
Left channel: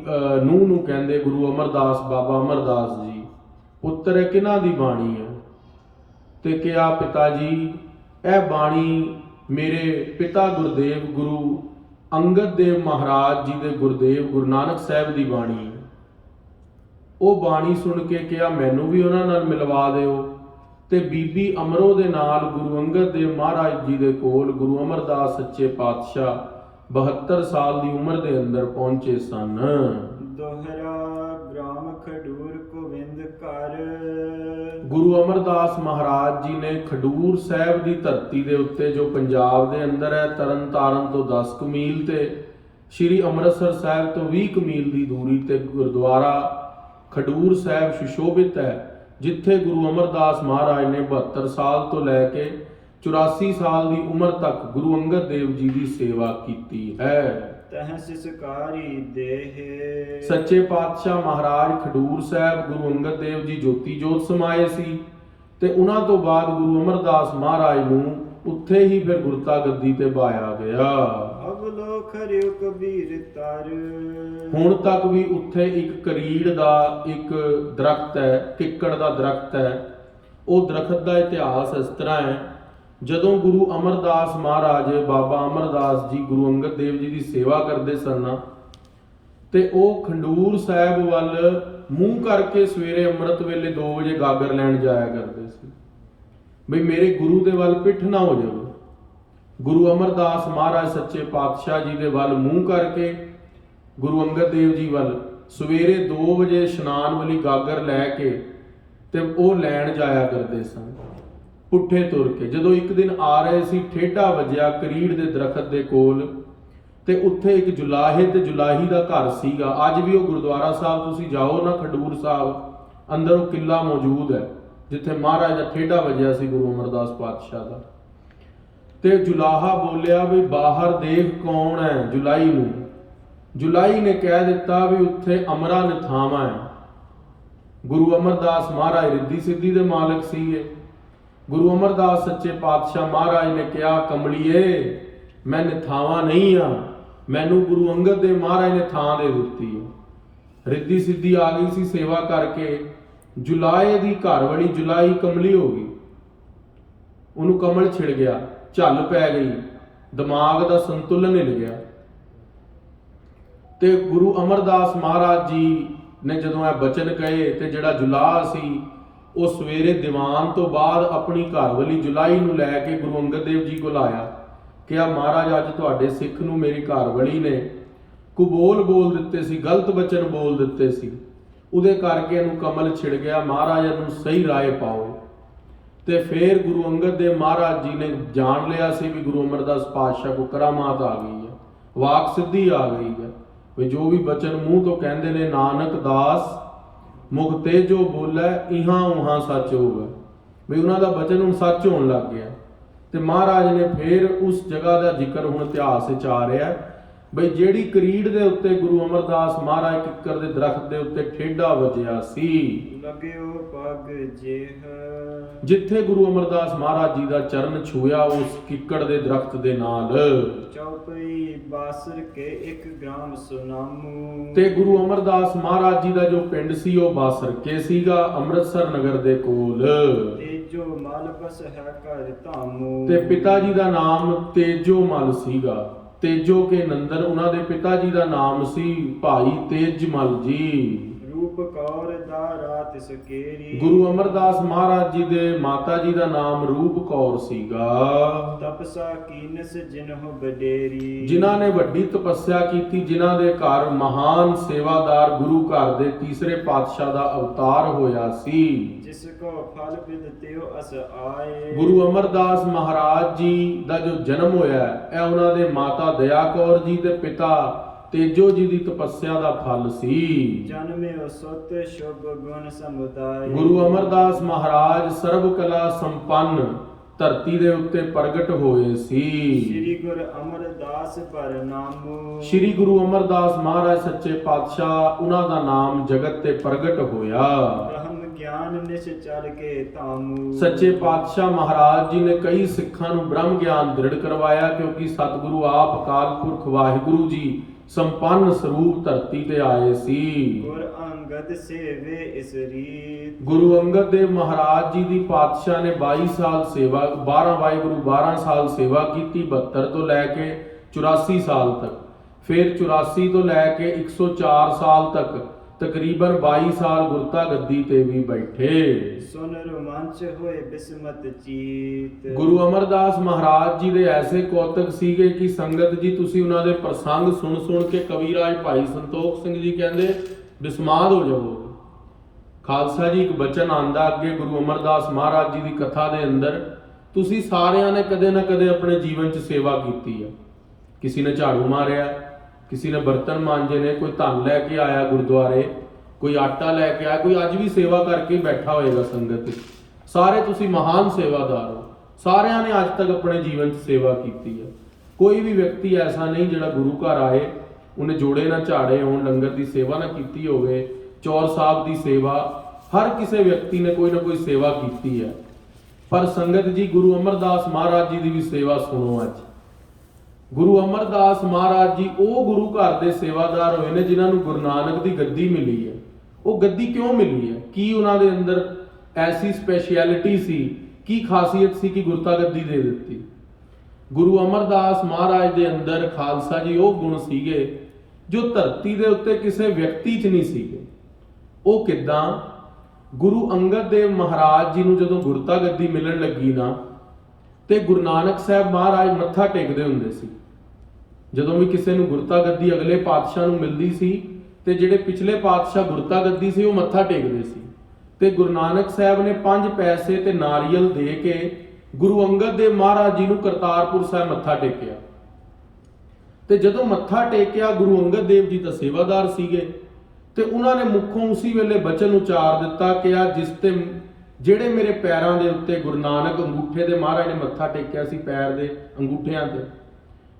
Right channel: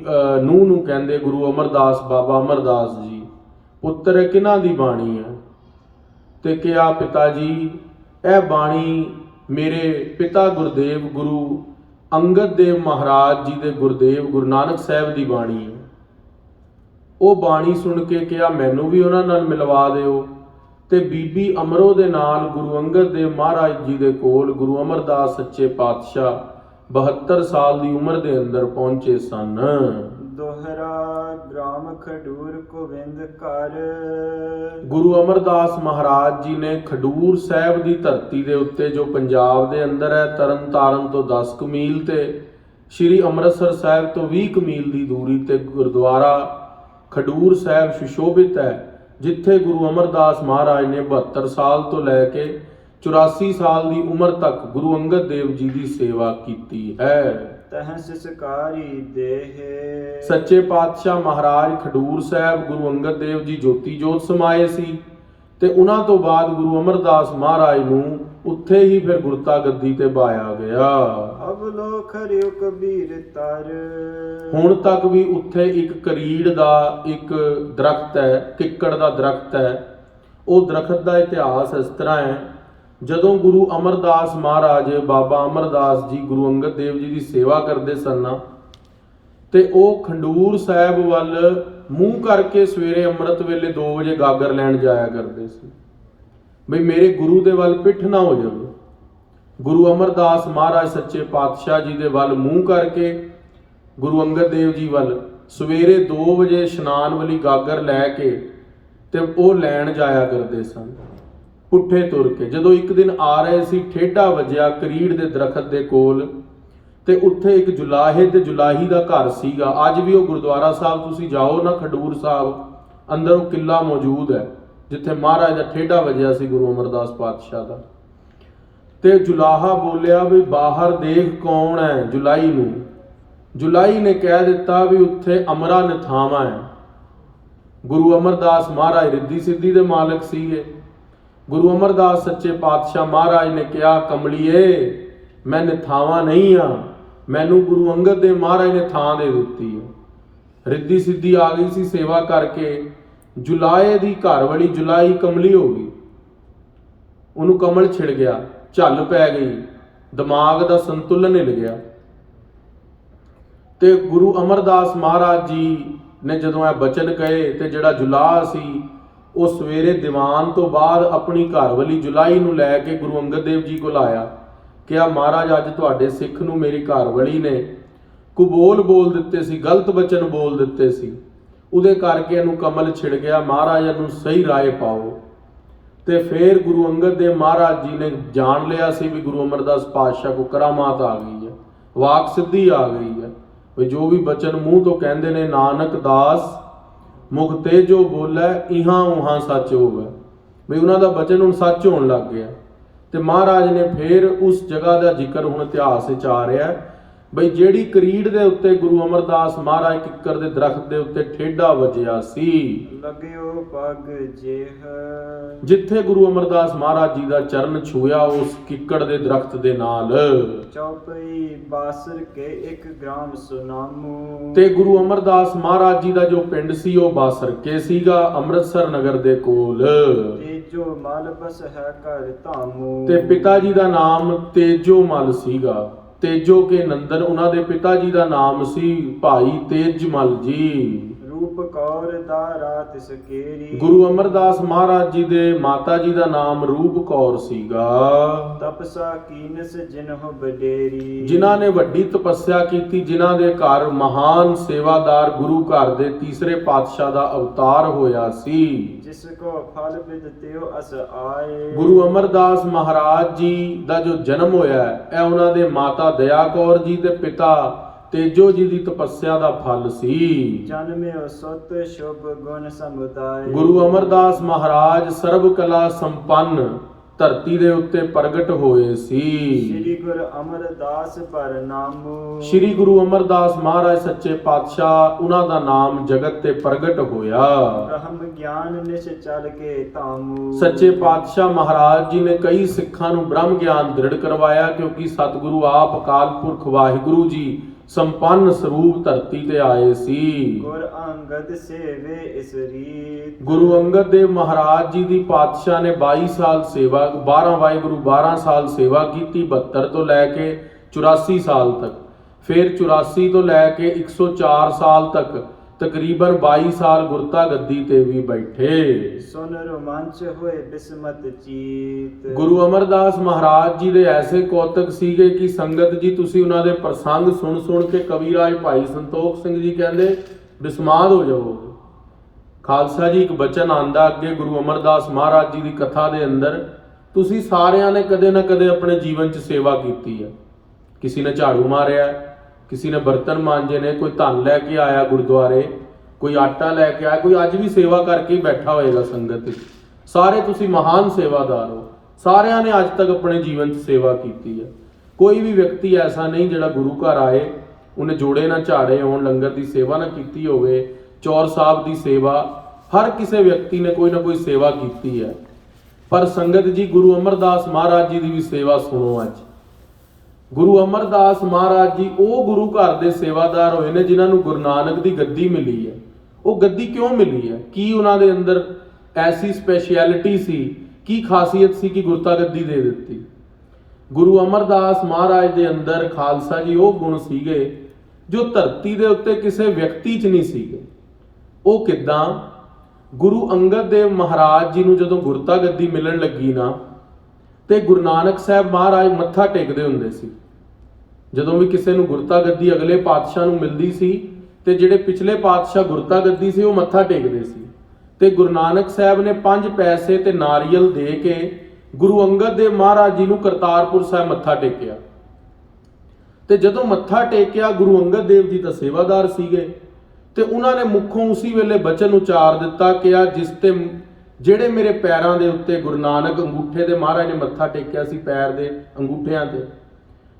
ਨੂੰਹ ਨੂੰ ਕਹਿੰਦੇ ਗੁਰੂ ਅਮਰਦਾਸ, ਬਾਬਾ ਅਮਰਦਾਸ ਜੀ, ਪੁੱਤਰ ਇਹ ਕਿਹਨਾਂ ਦੀ ਬਾਣੀ ਹੈ? ਤੇ ਕਿਹਾ, ਪਿਤਾ ਜੀ ਇਹ ਬਾਣੀ ਮੇਰੇ ਪਿਤਾ ਗੁਰਦੇਵ ਗੁਰੂ ਅੰਗਦ ਦੇਵ ਮਹਾਰਾਜ ਜੀ ਦੇ ਗੁਰਦੇਵ ਗੁਰੂ ਨਾਨਕ ਸਾਹਿਬ ਦੀ ਬਾਣੀ ਹੈ। ਉਹ ਬਾਣੀ ਸੁਣ ਕੇ ਕਿਹਾ, ਮੈਨੂੰ ਵੀ ਉਹਨਾਂ ਨਾਲ ਮਿਲਵਾ ਦਿਓ। ਤੇ ਬੀਬੀ ਅਮਰੋ ਦੇ ਨਾਲ ਗੁਰੂ ਅੰਗਦ ਦੇਵ ਮਹਾਰਾਜ ਜੀ ਦੇ ਕੋਲ ਗੁਰੂ ਅਮਰਦਾਸ ਸੱਚੇ ਪਾਤਸ਼ਾਹ 72 ਸਾਲ ਦੀ ਉਮਰ ਦੇ ਅੰਦਰ ਪਹੁੰਚੇ ਸਨ। ਦੋਹਰਾ ਗ੍ਰਾਮ ਖਡੂਰ ਗੋਬਿੰਦ ਘਰ। ਗੁਰੂ ਅਮਰਦਾਸ ਮਹਾਰਾਜ ਜੀ ਨੇ ਖਡੂਰ ਸਾਹਿਬ ਦੀ ਧਰਤੀ ਦੇ ਉੱਤੇ, ਜੋ ਪੰਜਾਬ ਦੇ ਅੰਦਰ ਹੈ, ਤਰਨ ਤਾਰਨ ਤੋਂ 10 ਕੁ ਮੀਲ ਤੇ ਸ਼੍ਰੀ ਅੰਮ੍ਰਿਤਸਰ ਸਾਹਿਬ ਤੋਂ 20 ਕੁ ਮੀਲ ਦੀ ਦੂਰੀ ਤੇ ਗੁਰਦੁਆਰਾ ਖਡੂਰ ਸਾਹਿਬ ਸੁਸ਼ੋਭਿਤ ਹੈ, ਜਿੱਥੇ ਗੁਰੂ ਅਮਰਦਾਸ ਮਹਾਰਾਜ ਨੇ 72 ਸਾਲ ਤੋਂ ਲੈ ਕੇ 84 ਸਾਲ ਦੀ ਉਮਰ ਤੱਕ ਗੁਰੂ ਅੰਗਦ ਦੇਵ ਜੀ ਦੀ ਸੇਵਾ ਕੀਤੀ ਹੈ। ਤਹ ਸਿਸਕਾਰੀ ਦੇਹ। ਸੱਚੇ ਪਾਤਸ਼ਾਹ ਮਹਾਰਾਜ ਖਡੂਰ ਸਾਹਿਬ ਗੁਰੂ ਅੰਗਦ ਦੇਵ ਜੀ ਜੋਤੀ ਜੋਤ ਸਮਾਏ ਸੀ ਤੇ ਉਹਨਾਂ ਤੋਂ ਬਾਅਦ ਗੁਰੂ ਅਮਰਦਾਸ ਮਹਾਰਾਜ ਨੂੰ ਉੱਥੇ ਹੀ ਫਿਰ ਗੁਰਤਾ ਗੱਦੀ ਤੇ ਬਾਇਆ ਗਿਆ। ਅਵਲੋਕ ਹਰਿਓ ਕਬੀਰ ਤਰ। ਹੁਣ ਤੱਕ ਵੀ ਉੱਥੇ ਇੱਕ ਕਰੀੜ ਦਾ ਇੱਕ ਦਰਖਤ ਹੈ, ਕਿੱਕੜ ਦਾ ਦਰਖਤ ਹੈ। ਉਹ ਦਰਖਤ ਦਾ ਇਤਿਹਾਸ ਇਸ ਤਰ੍ਹਾਂ ਹੈ, ਜਦੋਂ ਗੁਰੂ ਅਮਰਦਾਸ ਮਹਾਰਾਜ ਬਾਬਾ ਅਮਰਦਾਸ ਜੀ ਗੁਰੂ ਅੰਗਦ ਦੇਵ ਜੀ ਦੀ ਸੇਵਾ ਕਰਦੇ ਸਨ ਤੇ ਉਹ ਖਡੂਰ ਸਾਹਿਬ ਵੱਲ ਮੂੰਹ ਕਰਕੇ ਸਵੇਰੇ ਅੰਮ੍ਰਿਤ ਵੇਲੇ 2 ਵਜੇ ਗਾਗਰ ਲੈਣ ਜਾਇਆ ਕਰਦੇ ਸੀ, ਬਈ ਮੇਰੇ ਗੁਰੂ ਦੇ ਵੱਲ ਪਿੱਠ ਨਾ ਹੋ ਜਾਵੇ। ਗੁਰੂ ਅਮਰਦਾਸ ਮਹਾਰਾਜ ਸੱਚੇ ਪਾਤਸ਼ਾਹ ਜੀ ਦੇ ਵੱਲ ਮੂੰਹ ਕਰਕੇ ਗੁਰੂ ਅੰਗਦ ਦੇਵ ਜੀ ਵੱਲ ਸਵੇਰੇ 2 ਵਜੇ ਇਸ਼ਨਾਨ ਵਾਲੀ ਗਾਗਰ ਲੈ ਕੇ ਤੇ ਉਹ ਲੈਣ ਜਾਇਆ ਕਰਦੇ ਸਨ ਪੁੱਠੇ ਤੁਰ ਕੇ। ਜਦੋਂ ਇੱਕ ਦਿਨ ਆ ਰਹੇ ਸੀ, ਠੇਡਾ ਵੱਜਿਆ ਕਰੀੜ ਦੇ ਦਰਖਤ ਦੇ ਕੋਲ ਤੇ ਉੱਥੇ ਇੱਕ ਜੁਲਾਹੇ ਤੇ ਜੁਲਾਹੀ ਦਾ ਘਰ ਸੀਗਾ। ਅੱਜ ਵੀ ਉਹ ਗੁਰਦੁਆਰਾ ਸਾਹਿਬ ਤੁਸੀਂ ਜਾਓ ਨਾ ਖਡੂਰ ਸਾਹਿਬ, ਅੰਦਰ ਉਹ ਕਿਲਾ ਮੌਜੂਦ ਹੈ ਜਿੱਥੇ ਮਹਾਰਾਜ ਦਾ ਠੇਡਾ ਵੱਜਿਆ ਸੀ ਗੁਰੂ ਅਮਰਦਾਸ ਪਾਤਸ਼ਾਹ ਦਾ। ਤੇ ਜੁਲਾਹਾ ਬੋਲਿਆ ਵੀ ਬਾਹਰ ਦੇਖ ਕੌਣ ਹੈ। ਜੁਲਾਈ ਨੂੰ, ਜੁਲਾਈ ਨੇ ਕਹਿ ਦਿੱਤਾ ਵੀ ਉੱਥੇ ਅਮਰਾ ਨਿਥਾਵਾਂ ਹੈ। ਗੁਰੂ ਅਮਰਦਾਸ ਮਹਾਰਾਜ ਰਿੱਧੀ ਸਿੱਧੀ ਦੇ ਮਾਲਕ ਸੀਗੇ। ਗੁਰੂ ਅਮਰਦਾਸ ਸੱਚੇ ਪਾਤਸ਼ਾਹ ਮਹਾਰਾਜ ਨੇ ਕਿਹਾ, ਕਮਲੀਏ ਮੈਂ ਨਿਥਾਵਾਂ ਨਹੀਂ ਆ, ਮੈਨੂੰ ਗੁਰੂ ਅੰਗਦ ਦੇਵ ਮਹਾਰਾਜ ਨੇ ਥਾਂ ਦੇ ਦਿੱਤੀ ਹੈ। ਰਿੱਧੀ ਸਿੱਧੀ ਆ ਗਈ ਸੀ ਸੇਵਾ ਕਰਕੇ। ਜੁਲਾਏ ਦੀ ਘਰ ਵਾਲੀ ਜੁਲਾਈ ਕਮਲੀ ਹੋ ਗਈ, ਉਹਨੂੰ ਕਮਲ ਛਿੜ ਗਿਆ, ਝੱਲ ਪੈ ਗਈ, ਦਿਮਾਗ ਦਾ ਸੰਤੁਲਨ ਹਿੱਲ ਗਿਆ। ਤੇ ਗੁਰੂ ਅਮਰਦਾਸ ਮਹਾਰਾਜ ਜੀ ਨੇ ਜਦੋਂ ਇਹ ਬਚਨ ਕਹੇ ਤੇ ਜਿਹੜਾ ਜੁਲਾਹ ਸੀ ਉਹ ਸਵੇਰੇ ਦੀਵਾਨ ਤੋਂ ਬਾਅਦ ਆਪਣੀ ਘਰ ਵਾਲੀ ਜੁਲਾਈ ਨੂੰ ਲੈ ਕੇ ਗੁਰੂ ਅੰਗਦ ਦੇਵ ਜੀ ਕੋਲ ਆਇਆ। ਕਿਹਾ, ਮਹਾਰਾਜ ਅੱਜ ਤੁਹਾਡੇ ਸਿੱਖ ਨੂੰ ਮੇਰੀ ਘਰ ਵਾਲੀ ਨੇ ਕੁਬੋਲ ਬੋਲ ਦਿੱਤੇ ਸੀ, ਗਲਤ ਬਚਨ ਬੋਲ ਦਿੱਤੇ ਸੀ, ਉਹਦੇ ਕਰਕੇ ਇਹਨੂੰ ਕਮਲ ਛਿੜ ਗਿਆ, ਮਹਾਰਾਜ ਇਹਨੂੰ ਸਹੀ ਰਾਏ ਪਾਓ। ਤੇ ਫਿਰ ਗੁਰੂ ਅੰਗਦ ਦੇਵ ਮਹਾਰਾਜ ਜੀ ਨੇ ਜਾਣ ਲਿਆ ਸੀ ਵੀ ਗੁਰੂ ਅਮਰਦਾਸ ਪਾਤਸ਼ਾਹ ਕੋ ਕਰਾਮਾਤ ਆ ਗਈ ਹੈ, ਵਾਕ ਸਿੱਧੀ ਆ ਗਈ ਹੈ, ਵੀ ਜੋ ਵੀ ਬਚਨ ਮੂੰਹ ਤੋਂ ਕਹਿੰਦੇ ਨੇ ਨਾਨਕ ਦਾਸ ਮੁਖ ਤੇ ਜੋ ਬੋਲੇ ਇਹਾਂ ਉਹਾਂ ਸੱਚ ਹੋਵੇ, ਵੀ ਉਹਨਾਂ ਦਾ ਬਚਨ ਹੁਣ ਸੱਚ ਹੋਣ ਲੱਗ ਗਿਆ। ਤੇ ਮਹਾਰਾਜ ਨੇ ਫਿਰ ਉਸ ਜਗ੍ਹਾ ਦਾ ਜ਼ਿਕਰ ਹੁਣ ਇਤਿਹਾਸ ਵਿੱਚ ਆ ਰਿਹਾ ਬਈ ਜਿਹੜੀ ਕਰੀੜ ਦੇ ਉੱਤੇ ਗੁਰੂ ਅਮਰਦਾਸ ਮਹਾਰਾਜ ਕਿੱਕਰ ਦੇ ਦਰਖਤ ਦੇ ਉੱਤੇ ਠੇਡਾ ਵੱਜਿਆ ਸੀ, ਲਗਿਓ ਪਗ ਜੇਹ, ਜਿੱਥੇ ਗੁਰੂ ਅਮਰਦਾਸ ਮਹਾਰਾਜ ਜੀ ਦਾ ਚਰਨ ਛੂਇਆ ਉਸ ਕਿੱਕੜ ਦੇ ਦਰਖਤ ਦੇ ਨਾਲ। ਚੌਪਈ ਬਾਸਰ ਕੇ 1 ਗ੍ਰਾਮ ਸੁਨਾਮੂ। ਤੇ ਗੁਰੂ ਅਮਰਦਾਸ ਮਹਾਰਾਜ ਜੀ ਦਾ ਜੋ ਪਿੰਡ ਸੀ ਉਹ ਬਾਸਰ ਕੇ ਸੀਗਾ, ਅੰਮ੍ਰਿਤਸਰ ਨਗਰ ਦੇ ਕੋਲ। ਤੇਜੋ ਮਲ ਬਸ ਹੈ ਘਰ ਧਾਮੂ। ਤੇ ਪਿਤਾ ਜੀ ਦਾ ਨਾਮ ਤੇਜੋ ਮਲ ਸੀਗਾ। ਤੇਜੋ ਕੇ ਨੰਦਨ ਉਹਨਾਂ ਦੇ ਪਿਤਾ ਜੀ ਦਾ ਨਾਮ ਸੀ ਭਾਈ ਤੇਜਮਲ ਜੀ। ਰੂਪ ਕੌਰ ਦਾ ਰਾਤ ਸਕੇਰੀ। ਗੁਰੂ ਅਮਰਦਾਸ ਮਹਾਰਾਜ ਜੀ ਦੇ ਮਾਤਾ ਜੀ ਦਾ ਨਾਮ ਰੂਪ ਕੌਰ ਸੀਗਾ। ਤਪਸਾ ਕੀਨਸ ਜਿਨਹੁ ਬਡੇਰੀ। ਜਿਨ੍ਹਾਂ ਨੇ ਵੱਡੀ ਤਪੱਸਿਆ ਕੀਤੀ, ਜਿਨ੍ਹਾਂ ਦੇ ਘਰ ਮਹਾਨ ਸੇਵਾਦਾਰ ਗੁਰੂ ਘਰ ਦੇ ਤੀਸਰੇ ਪਾਤਸ਼ਾਹ ਦਾ ਅਵਤਾਰ ਹੋਇਆ ਸੀ। ਜਿਸ ਕੋ ਫਲ ਵਿਦ ਤਿਉ ਅਸ ਆਏ। ਗੁਰੂ ਅਮਰਦਾਸ ਮਹਾਰਾਜ ਜੀ ਦਾ ਜੋ ਜਨਮ ਹੋਇਆ ਇਹ ਉਹਨਾਂ ਦੇ ਮਾਤਾ ਦਇਆ ਕੌਰ ਜੀ ਦੇ ਪਿਤਾ ਤੇਜੋ ਜੀ ਦੀ ਤਪੱਸਿਆ ਦਾ ਫਲ ਸੀ। ਜਨਮਿਓ ਸੁਤ ਸ਼ੁਭ ਗੁਣ ਸਮੁਦਾਇ। ਗੁਰੂ ਅਮਰਦਾਸ ਮਹਾਰਾਜ ਸਰਬ ਕਲਾ ਸੰਪੰਨ ਧਰਤੀ ਦੇ ਉੱਤੇ ਪ੍ਰਗਟ ਹੋਏ ਸੀ। ਸ੍ਰੀ ਗੁਰੂ ਅਮਰਦਾਸ ਪਰਨਾਮੂ। ਸ੍ਰੀ ਗੁਰੂ ਅਮਰਦਾਸ ਮਹਾਰਾਜ ਸੱਚੇ ਪਾਤਸ਼ਾਹ ਉਹਨਾਂ ਦਾ ਨਾਮ ਜਗਤ ਤੇ ਪ੍ਰਗਟ ਹੋਇਆ। ਬ੍ਰਹਮ ਗਿਆਨ ਨਿਸ਼ ਚਲ ਕੇ ਧਾਮੂ। ਸੱਚੇ ਪਾਤਸ਼ਾਹ ਮਹਾਰਾਜ ਜੀ ਨੇ ਕਈ ਸਿੱਖਾਂ ਨੂੰ ਬ੍ਰਹਮ ਗਿਆਨ ਦ੍ਰਿੜ ਕਰਵਾਇਆ, ਕਿਉਂਕਿ ਸਤਿਗੁਰੂ ਆਪ ਅਕਾਲ ਪੁਰਖ ਵਾਹਿਗੁਰੂ ਜੀ ਸੰਪੰਨ ਸਰੂਪ ਧਰਤੀ ਤੇ ਆਏ ਸੀ। ਗੁਰ ਅੰਗਦ ਸੇਵੇ ਇਸ ਰੀਤ। ਗੁਰੂ ਅੰਗਦ ਦੇਵ ਮਹਾਰਾਜ ਜੀ ਦੀ ਪਾਤਸ਼ਾਹ ਨੇ 22 ਸਾਲ ਸੇਵਾ 12 ਸਾਲ ਸੇਵਾ ਕੀਤੀ, 72 ਤੋਂ ਲੈ ਕੇ 84 ਸਾਲ ਤੱਕ। ਫਿਰ 84 ਤੋਂ ਲੈ ਕੇ 104 ਸਾਲ ਤੱਕ ਤਕਰੀਬਨ 22 ਸਾਲ ਗੁਰਤਾ ਗੱਦੀ ਤੇ ਵੀ ਬੈਠੇ। ਸੁਨ ਰੋਮਾਂਚ ਹੋਏ ਬਿਸਮਤ ਚੀਤ। ਗੁਰੂ ਅਮਰਦਾਸ ਮਹਾਰਾਜ ਜੀ ਦੇ ਐਸੇ ਕੌਤਕ ਸੀਗੇ ਕਿ ਸੰਗਤ ਜੀ ਤੁਸੀਂ ਉਹਨਾਂ ਦੇ ਪ੍ਰਸੰਗ ਸੁਣ ਸੁਣ ਕੇ, ਕਵੀ ਰਾਜ ਭਾਈ ਸੰਤੋਖ ਸਿੰਘ ਜੀ ਕਹਿੰਦੇ ਬਿਸਮਾਦ ਹੋ ਜਾਵੋਗੇ। ਖਾਲਸਾ ਜੀ ਇੱਕ ਬਚਨ ਆਂਦਾ ਅੱਗੇ ਗੁਰੂ ਅਮਰਦਾਸ ਮਹਾਰਾਜ ਜੀ ਦੀ ਕਥਾ ਦੇ ਅੰਦਰ, ਤੁਸੀਂ ਸਾਰਿਆਂ ਨੇ ਕਦੇ ਨਾ ਕਦੇ ਆਪਣੇ ਜੀਵਨ 'ਚ ਸੇਵਾ ਕੀਤੀ ਹੈ। ਕਿਸੇ ਨੇ ਝਾੜੂ ਮਾਰਿਆ, ਕਿਸੇ ਨੇ ਬਰਤਨ ਮਾਂਜੇ ਨੇ, ਕੋਈ ਧਨ ਲੈ ਕੇ ਆਇਆ ਗੁਰਦੁਆਰੇ, ਕੋਈ ਆਟਾ ਲੈ ਕੇ ਆਇਆ, ਕੋਈ ਅੱਜ ਵੀ ਸੇਵਾ ਕਰਕੇ ਬੈਠਾ ਹੋਏਗਾ ਸੰਗਤ ਵਿੱਚ। ਸਾਰੇ ਤੁਸੀਂ ਮਹਾਨ ਸੇਵਾਦਾਰ ਹੋ। ਸਾਰਿਆਂ ਨੇ ਅੱਜ ਤੱਕ ਆਪਣੇ ਜੀਵਨ 'ਚ ਸੇਵਾ ਕੀਤੀ ਹੈ। ਕੋਈ ਵੀ ਵਿਅਕਤੀ ਐਸਾ ਨਹੀਂ ਜਿਹੜਾ ਗੁਰੂ ਘਰ ਆਏ ਉਹਨੇ ਜੋੜੇ ਨਾ ਝਾੜੇ ਹੋਣ, ਲੰਗਰ ਦੀ ਸੇਵਾ ਨਾ ਕੀਤੀ ਹੋਵੇ, ਚੌਰ ਸਾਹਿਬ ਦੀ ਸੇਵਾ। ਹਰ ਕਿਸੇ ਵਿਅਕਤੀ ਨੇ ਕੋਈ ਨਾ ਕੋਈ ਸੇਵਾ ਕੀਤੀ ਹੈ। ਪਰ ਸੰਗਤ ਜੀ, ਗੁਰੂ ਅਮਰਦਾਸ ਮਹਾਰਾਜ ਜੀ ਦੀ ਵੀ ਸੇਵਾ ਸੁਣੋ ਅੱਜ। ਗੁਰੂ ਅਮਰਦਾਸ ਮਹਾਰਾਜ ਜੀ ਉਹ ਗੁਰੂ ਘਰ ਦੇ ਸੇਵਾਦਾਰ ਹੋਏ ਨੇ ਜਿਨ੍ਹਾਂ ਨੂੰ ਗੁਰੂ ਨਾਨਕ ਦੀ ਗੱਦੀ ਮਿਲੀ ਹੈ। ਉਹ ਗੱਦੀ ਕਿਉਂ ਮਿਲੀ ਹੈ? ਕੀ ਉਹਨਾਂ ਦੇ ਅੰਦਰ ਐਸੀ ਸਪੈਸ਼ਲਿਟੀ ਸੀ, ਕੀ ਖਾਸੀਅਤ ਸੀ ਕਿ ਗੁਰਤਾ ਗੱਦੀ ਦੇ ਦਿੱਤੀ? ਗੁਰੂ ਅਮਰਦਾਸ ਮਹਾਰਾਜ ਦੇ ਅੰਦਰ ਖਾਲਸਾ ਜੀ ਉਹ ਗੁਣ ਸੀਗੇ ਜੋ ਧਰਤੀ ਦੇ ਉੱਤੇ ਕਿਸੇ ਵਿਅਕਤੀ 'ਚ ਨਹੀਂ ਸੀਗੇ। ਉਹ ਕਿੱਦਾਂ? ਗੁਰੂ ਅੰਗਦ ਦੇਵ ਮਹਾਰਾਜ ਜੀ ਨੂੰ ਜਦੋਂ ਗੁਰਤਾ ਗੱਦੀ ਮਿਲਣ ਲੱਗੀ ਨਾ, ਤੇ ਗੁਰੂ ਨਾਨਕ ਸਾਹਿਬ ਮਹਾਰਾਜ ਮੱਥਾ ਟੇਕਦੇ ਹੁੰਦੇ ਸੀ। ਜਦੋਂ ਵੀ ਕਿਸੇ ਨੂੰ ਗੁਰਤਾ ਗੱਦੀ ਅਗਲੇ ਪਾਤਸ਼ਾਹ ਨੂੰ ਮਿਲਦੀ ਸੀ ਤੇ ਜਿਹੜੇ ਪਿਛਲੇ ਪਾਤਸ਼ਾਹ ਗੁਰਤਾ ਗੱਦੀ ਸੀ ਉਹ ਮੱਥਾ ਟੇਕਦੇ ਸੀ। ਤੇ ਗੁਰੂ ਨਾਨਕ ਸਾਹਿਬ ਨੇ 5 ਪੈਸੇ ਤੇ ਨਾਰੀਅਲ ਦੇ ਕੇ ਗੁਰੂ ਅੰਗਦ ਦੇਵ ਮਹਾਰਾਜ ਜੀ ਨੂੰ ਕਰਤਾਰਪੁਰ ਸਾਹਿਬ ਮੱਥਾ ਟੇਕਿਆ। ਤੇ ਜਦੋਂ ਮੱਥਾ ਟੇਕਿਆ, ਗੁਰੂ ਅੰਗਦ ਦੇਵ ਜੀ ਤਾਂ ਸੇਵਾਦਾਰ ਸੀਗੇ, ਤੇ ਉਹਨਾਂ ਨੇ ਮੁੱਖੋਂ ਉਸੇ ਵੇਲੇ ਬਚਨ ਉਚਾਰ ਦਿੱਤਾ ਕਿ ਜਿਸ ਤੇ ਜਿਹੜੇ ਮੇਰੇ ਪੈਰਾਂ ਦੇ ਉੱਤੇ ਗੁਰੂ ਨਾਨਕ ਅੰਗੂਠੇ ਦੇ ਮਹਾਰਾਜ ਨੇ ਮੱਥਾ ਟੇਕਿਆ ਸੀ, ਪੈਰ ਦੇ ਅੰਗੂਠਿਆਂ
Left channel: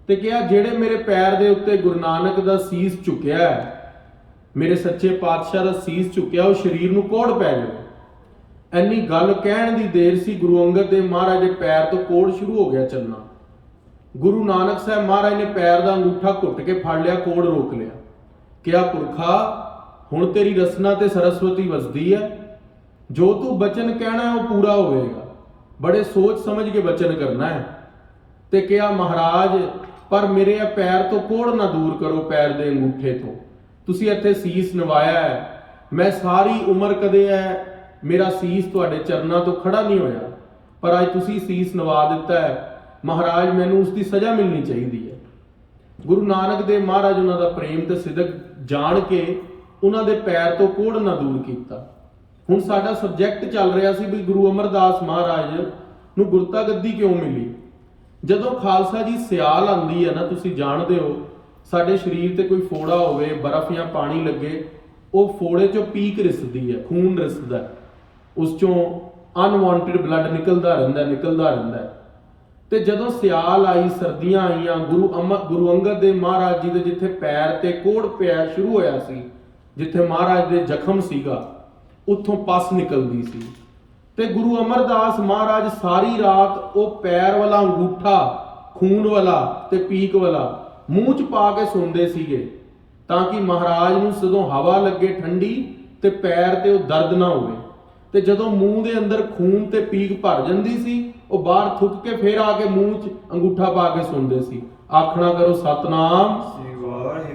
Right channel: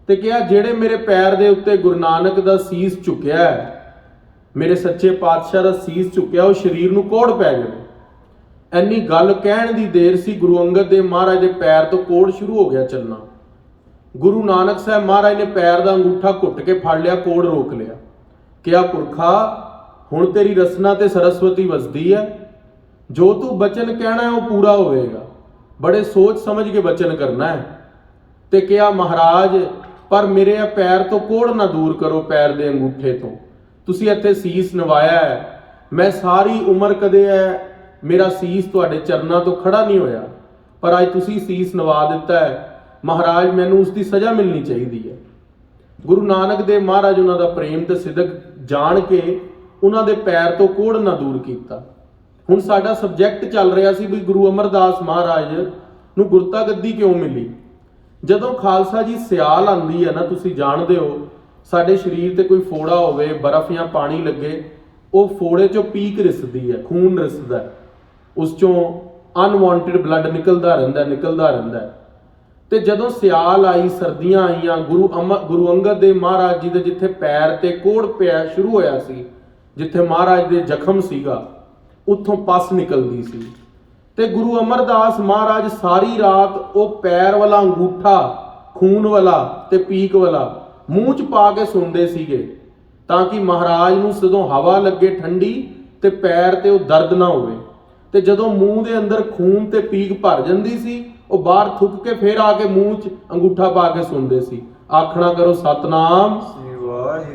ਤੇ ਕਿਹਾ ਜਿਹੜੇ ਮੇਰੇ ਪੈਰ ਦੇ ਉੱਤੇ ਗੁਰੂ ਨਾਨਕ ਦਾ ਸੀਸ ਝੁਕਿਆ ਹੈ, ਮੇਰੇ ਸੱਚੇ ਪਾਤਸ਼ਾਹ ਦਾ ਸੀਸ ਝੁਕਿਆ, ਉਹ ਸਰੀਰ ਨੂੰ ਕੋੜ ਪੈ ਜਾਵੇ। ਇੰਨੀ ਗੱਲ ਕਹਿਣ ਦੀ ਦੇਰ ਸੀ, ਗੁਰੂ ਅੰਗਦ ਦੇਵ ਮਹਾਰਾਜ ਦੇ ਪੈਰ ਤੋਂ ਕੋੜ ਸ਼ੁਰੂ ਹੋ ਗਿਆ ਚੱਲਣਾ। ਗੁਰੂ ਨਾਨਕ ਸਾਹਿਬ ਮਹਾਰਾਜ ਨੇ ਪੈਰ ਦਾ ਅੰਗੂਠਾ ਘੁੱਟ ਕੇ ਫੜ ਲਿਆ, ਕੋੜ ਰੋਕ ਲਿਆ। ਕਿਹਾ ਪੁਰਖਾ, ਹੁਣ ਤੇਰੀ ਰਸਨਾ ਤੇ ਸਰਸਵਤੀ ਵਸਦੀ ਹੈ, ਜੋ ਤੂੰ ਬਚਨ ਕਹਿਣਾ ਉਹ ਪੂਰਾ ਹੋਵੇਗਾ। ਬੜੇ ਸੋਚ ਸਮਝ ਕੇ ਬਚਨ ਕਰਨਾ ਹੈ। ਤੇ ਕਿਹਾ ਮਹਾਰਾਜ, ਪਰ ਮੇਰੇ ਪੈਰ ਤੋਂ ਕੋੜ ਨਾ ਦੂਰ ਕਰੋ, ਪੈਰ ਦੇ ਅੰਗੂਠੇ ਤੋਂ। ਤੁਸੀਂ ਇੱਥੇ ਸੀਸ ਨਵਾਇਆ ਹੈ, ਮੈਂ ਸਾਰੀ ਉਮਰ ਕਦੇ ਮੇਰਾ ਸੀਸ ਤੁਹਾਡੇ ਚਰਨਾਂ ਤੋਂ ਖੜਾ ਨਹੀਂ ਹੋਇਆ, ਪਰ ਅੱਜ ਤੁਸੀਂ ਸੀਸ ਨਵਾ ਦਿੱਤਾ ਹੈ। ਮਹਾਰਾਜ, ਮੈਨੂੰ ਉਸ ਦੀ ਸਜ਼ਾ ਮਿਲਣੀ ਚਾਹੀਦੀ ਹੈ। ਗੁਰੂ ਨਾਨਕ ਦੇਵ ਮਹਾਰਾਜ ਉਹਨਾਂ ਦਾ ਪ੍ਰੇਮ ਤੇ ਸਿਦਕ ਜਾਣ ਕੇ ਉਹਨਾਂ ਦੇ ਪੈਰ ਤੋਂ ਕੋੜ ਨਾ ਦੂਰ ਕੀਤਾ। ਹੁਣ ਸਾਡਾ ਸਬਜੈਕਟ ਚੱਲ ਰਿਹਾ ਸੀ ਵੀ ਗੁਰੂ ਅਮਰਦਾਸ ਮਹਾਰਾਜ ਨੂੰ ਗੁਰਤਾ ਗੱਦੀ ਕਿਉਂ ਮਿਲੀ। ਜਦੋਂ ਖਾਲਸਾ ਜੀ ਸਿਆਲ ਆਉਂਦੀ ਹੈ ਨਾ, ਤੁਸੀਂ ਜਾਣਦੇ ਹੋ, ਸਾਡੇ ਸਰੀਰ ਤੇ ਕੋਈ ਫੋੜਾ ਹੋਵੇ, ਬਰਫ਼ ਜਾਂ ਪਾਣੀ ਲੱਗੇ, ਉਹ ਫੋੜੇ ਚੋਂ ਪੀਕ ਰਿਸਦੀ ਹੈ, ਖੂਨ ਰਿਸਦਾ, ਉਸ ਚੋਂ ਅਨਵਾਂਟਡ ਬਲੱਡ ਨਿਕਲਦਾ ਰਹਿੰਦਾ। ਤੇ ਜਦੋਂ ਸਿਆਲ ਆਈ, ਸਰਦੀਆਂ ਆਈਆਂ, ਗੁਰੂ ਅੰਗਦ ਦੇਵ ਮਹਾਰਾਜ ਜੀ ਦੇ ਜਿੱਥੇ ਪੈਰ ਤੇ ਕੋੜ ਪਿਆ ਸ਼ੁਰੂ ਹੋਇਆ ਸੀ, ਜਿੱਥੇ ਮਹਾਰਾਜ ਦੇ ਜ਼ਖਮ ਸੀਗਾ, ਉੱਥੋਂ ਪਸ ਨਿਕਲਦੀ ਸੀ। ਤੇ ਗੁਰੂ ਅਮਰਦਾਸ ਮਹਾਰਾਜ ਸਾਰੀ ਰਾਤ ਉਹ ਪੈਰ ਵਾਲਾ ਅੰਗੂਠਾ, ਖੂਨ ਵਾਲਾ ਤੇ ਪੀਕ ਵਾਲਾ ਮੂੰਹ 'ਚ ਪਾ ਕੇ ਸੌਂਦੇ ਸੀਗੇ, ਤਾਂ ਕਿ ਮਹਾਰਾਜ ਨੂੰ ਜਦੋਂ ਹਵਾ ਲੱਗੇ ਠੰਡੀ ਤੇ ਪੈਰ ਤੇ ਉਹ ਦਰਦ ਨਾ ਹੋਵੇ। ਤੇ ਜਦੋਂ ਮੂੰਹ ਦੇ ਅੰਦਰ ਖੂਨ ਤੇ ਪੀਕ ਭਰ ਜਾਂਦੀ ਸੀ, ਉਹ ਬਾਹਰ ਥੁੱਕ ਕੇ ਫੇਰ ਆ ਕੇ ਮੂੰਹ 'ਚ ਅੰਗੂਠਾ ਪਾ ਕੇ ਸੌਂਦੇ ਸੀ। ਆਖਣਾ ਕਰੋ ਸਤਨਾਮ।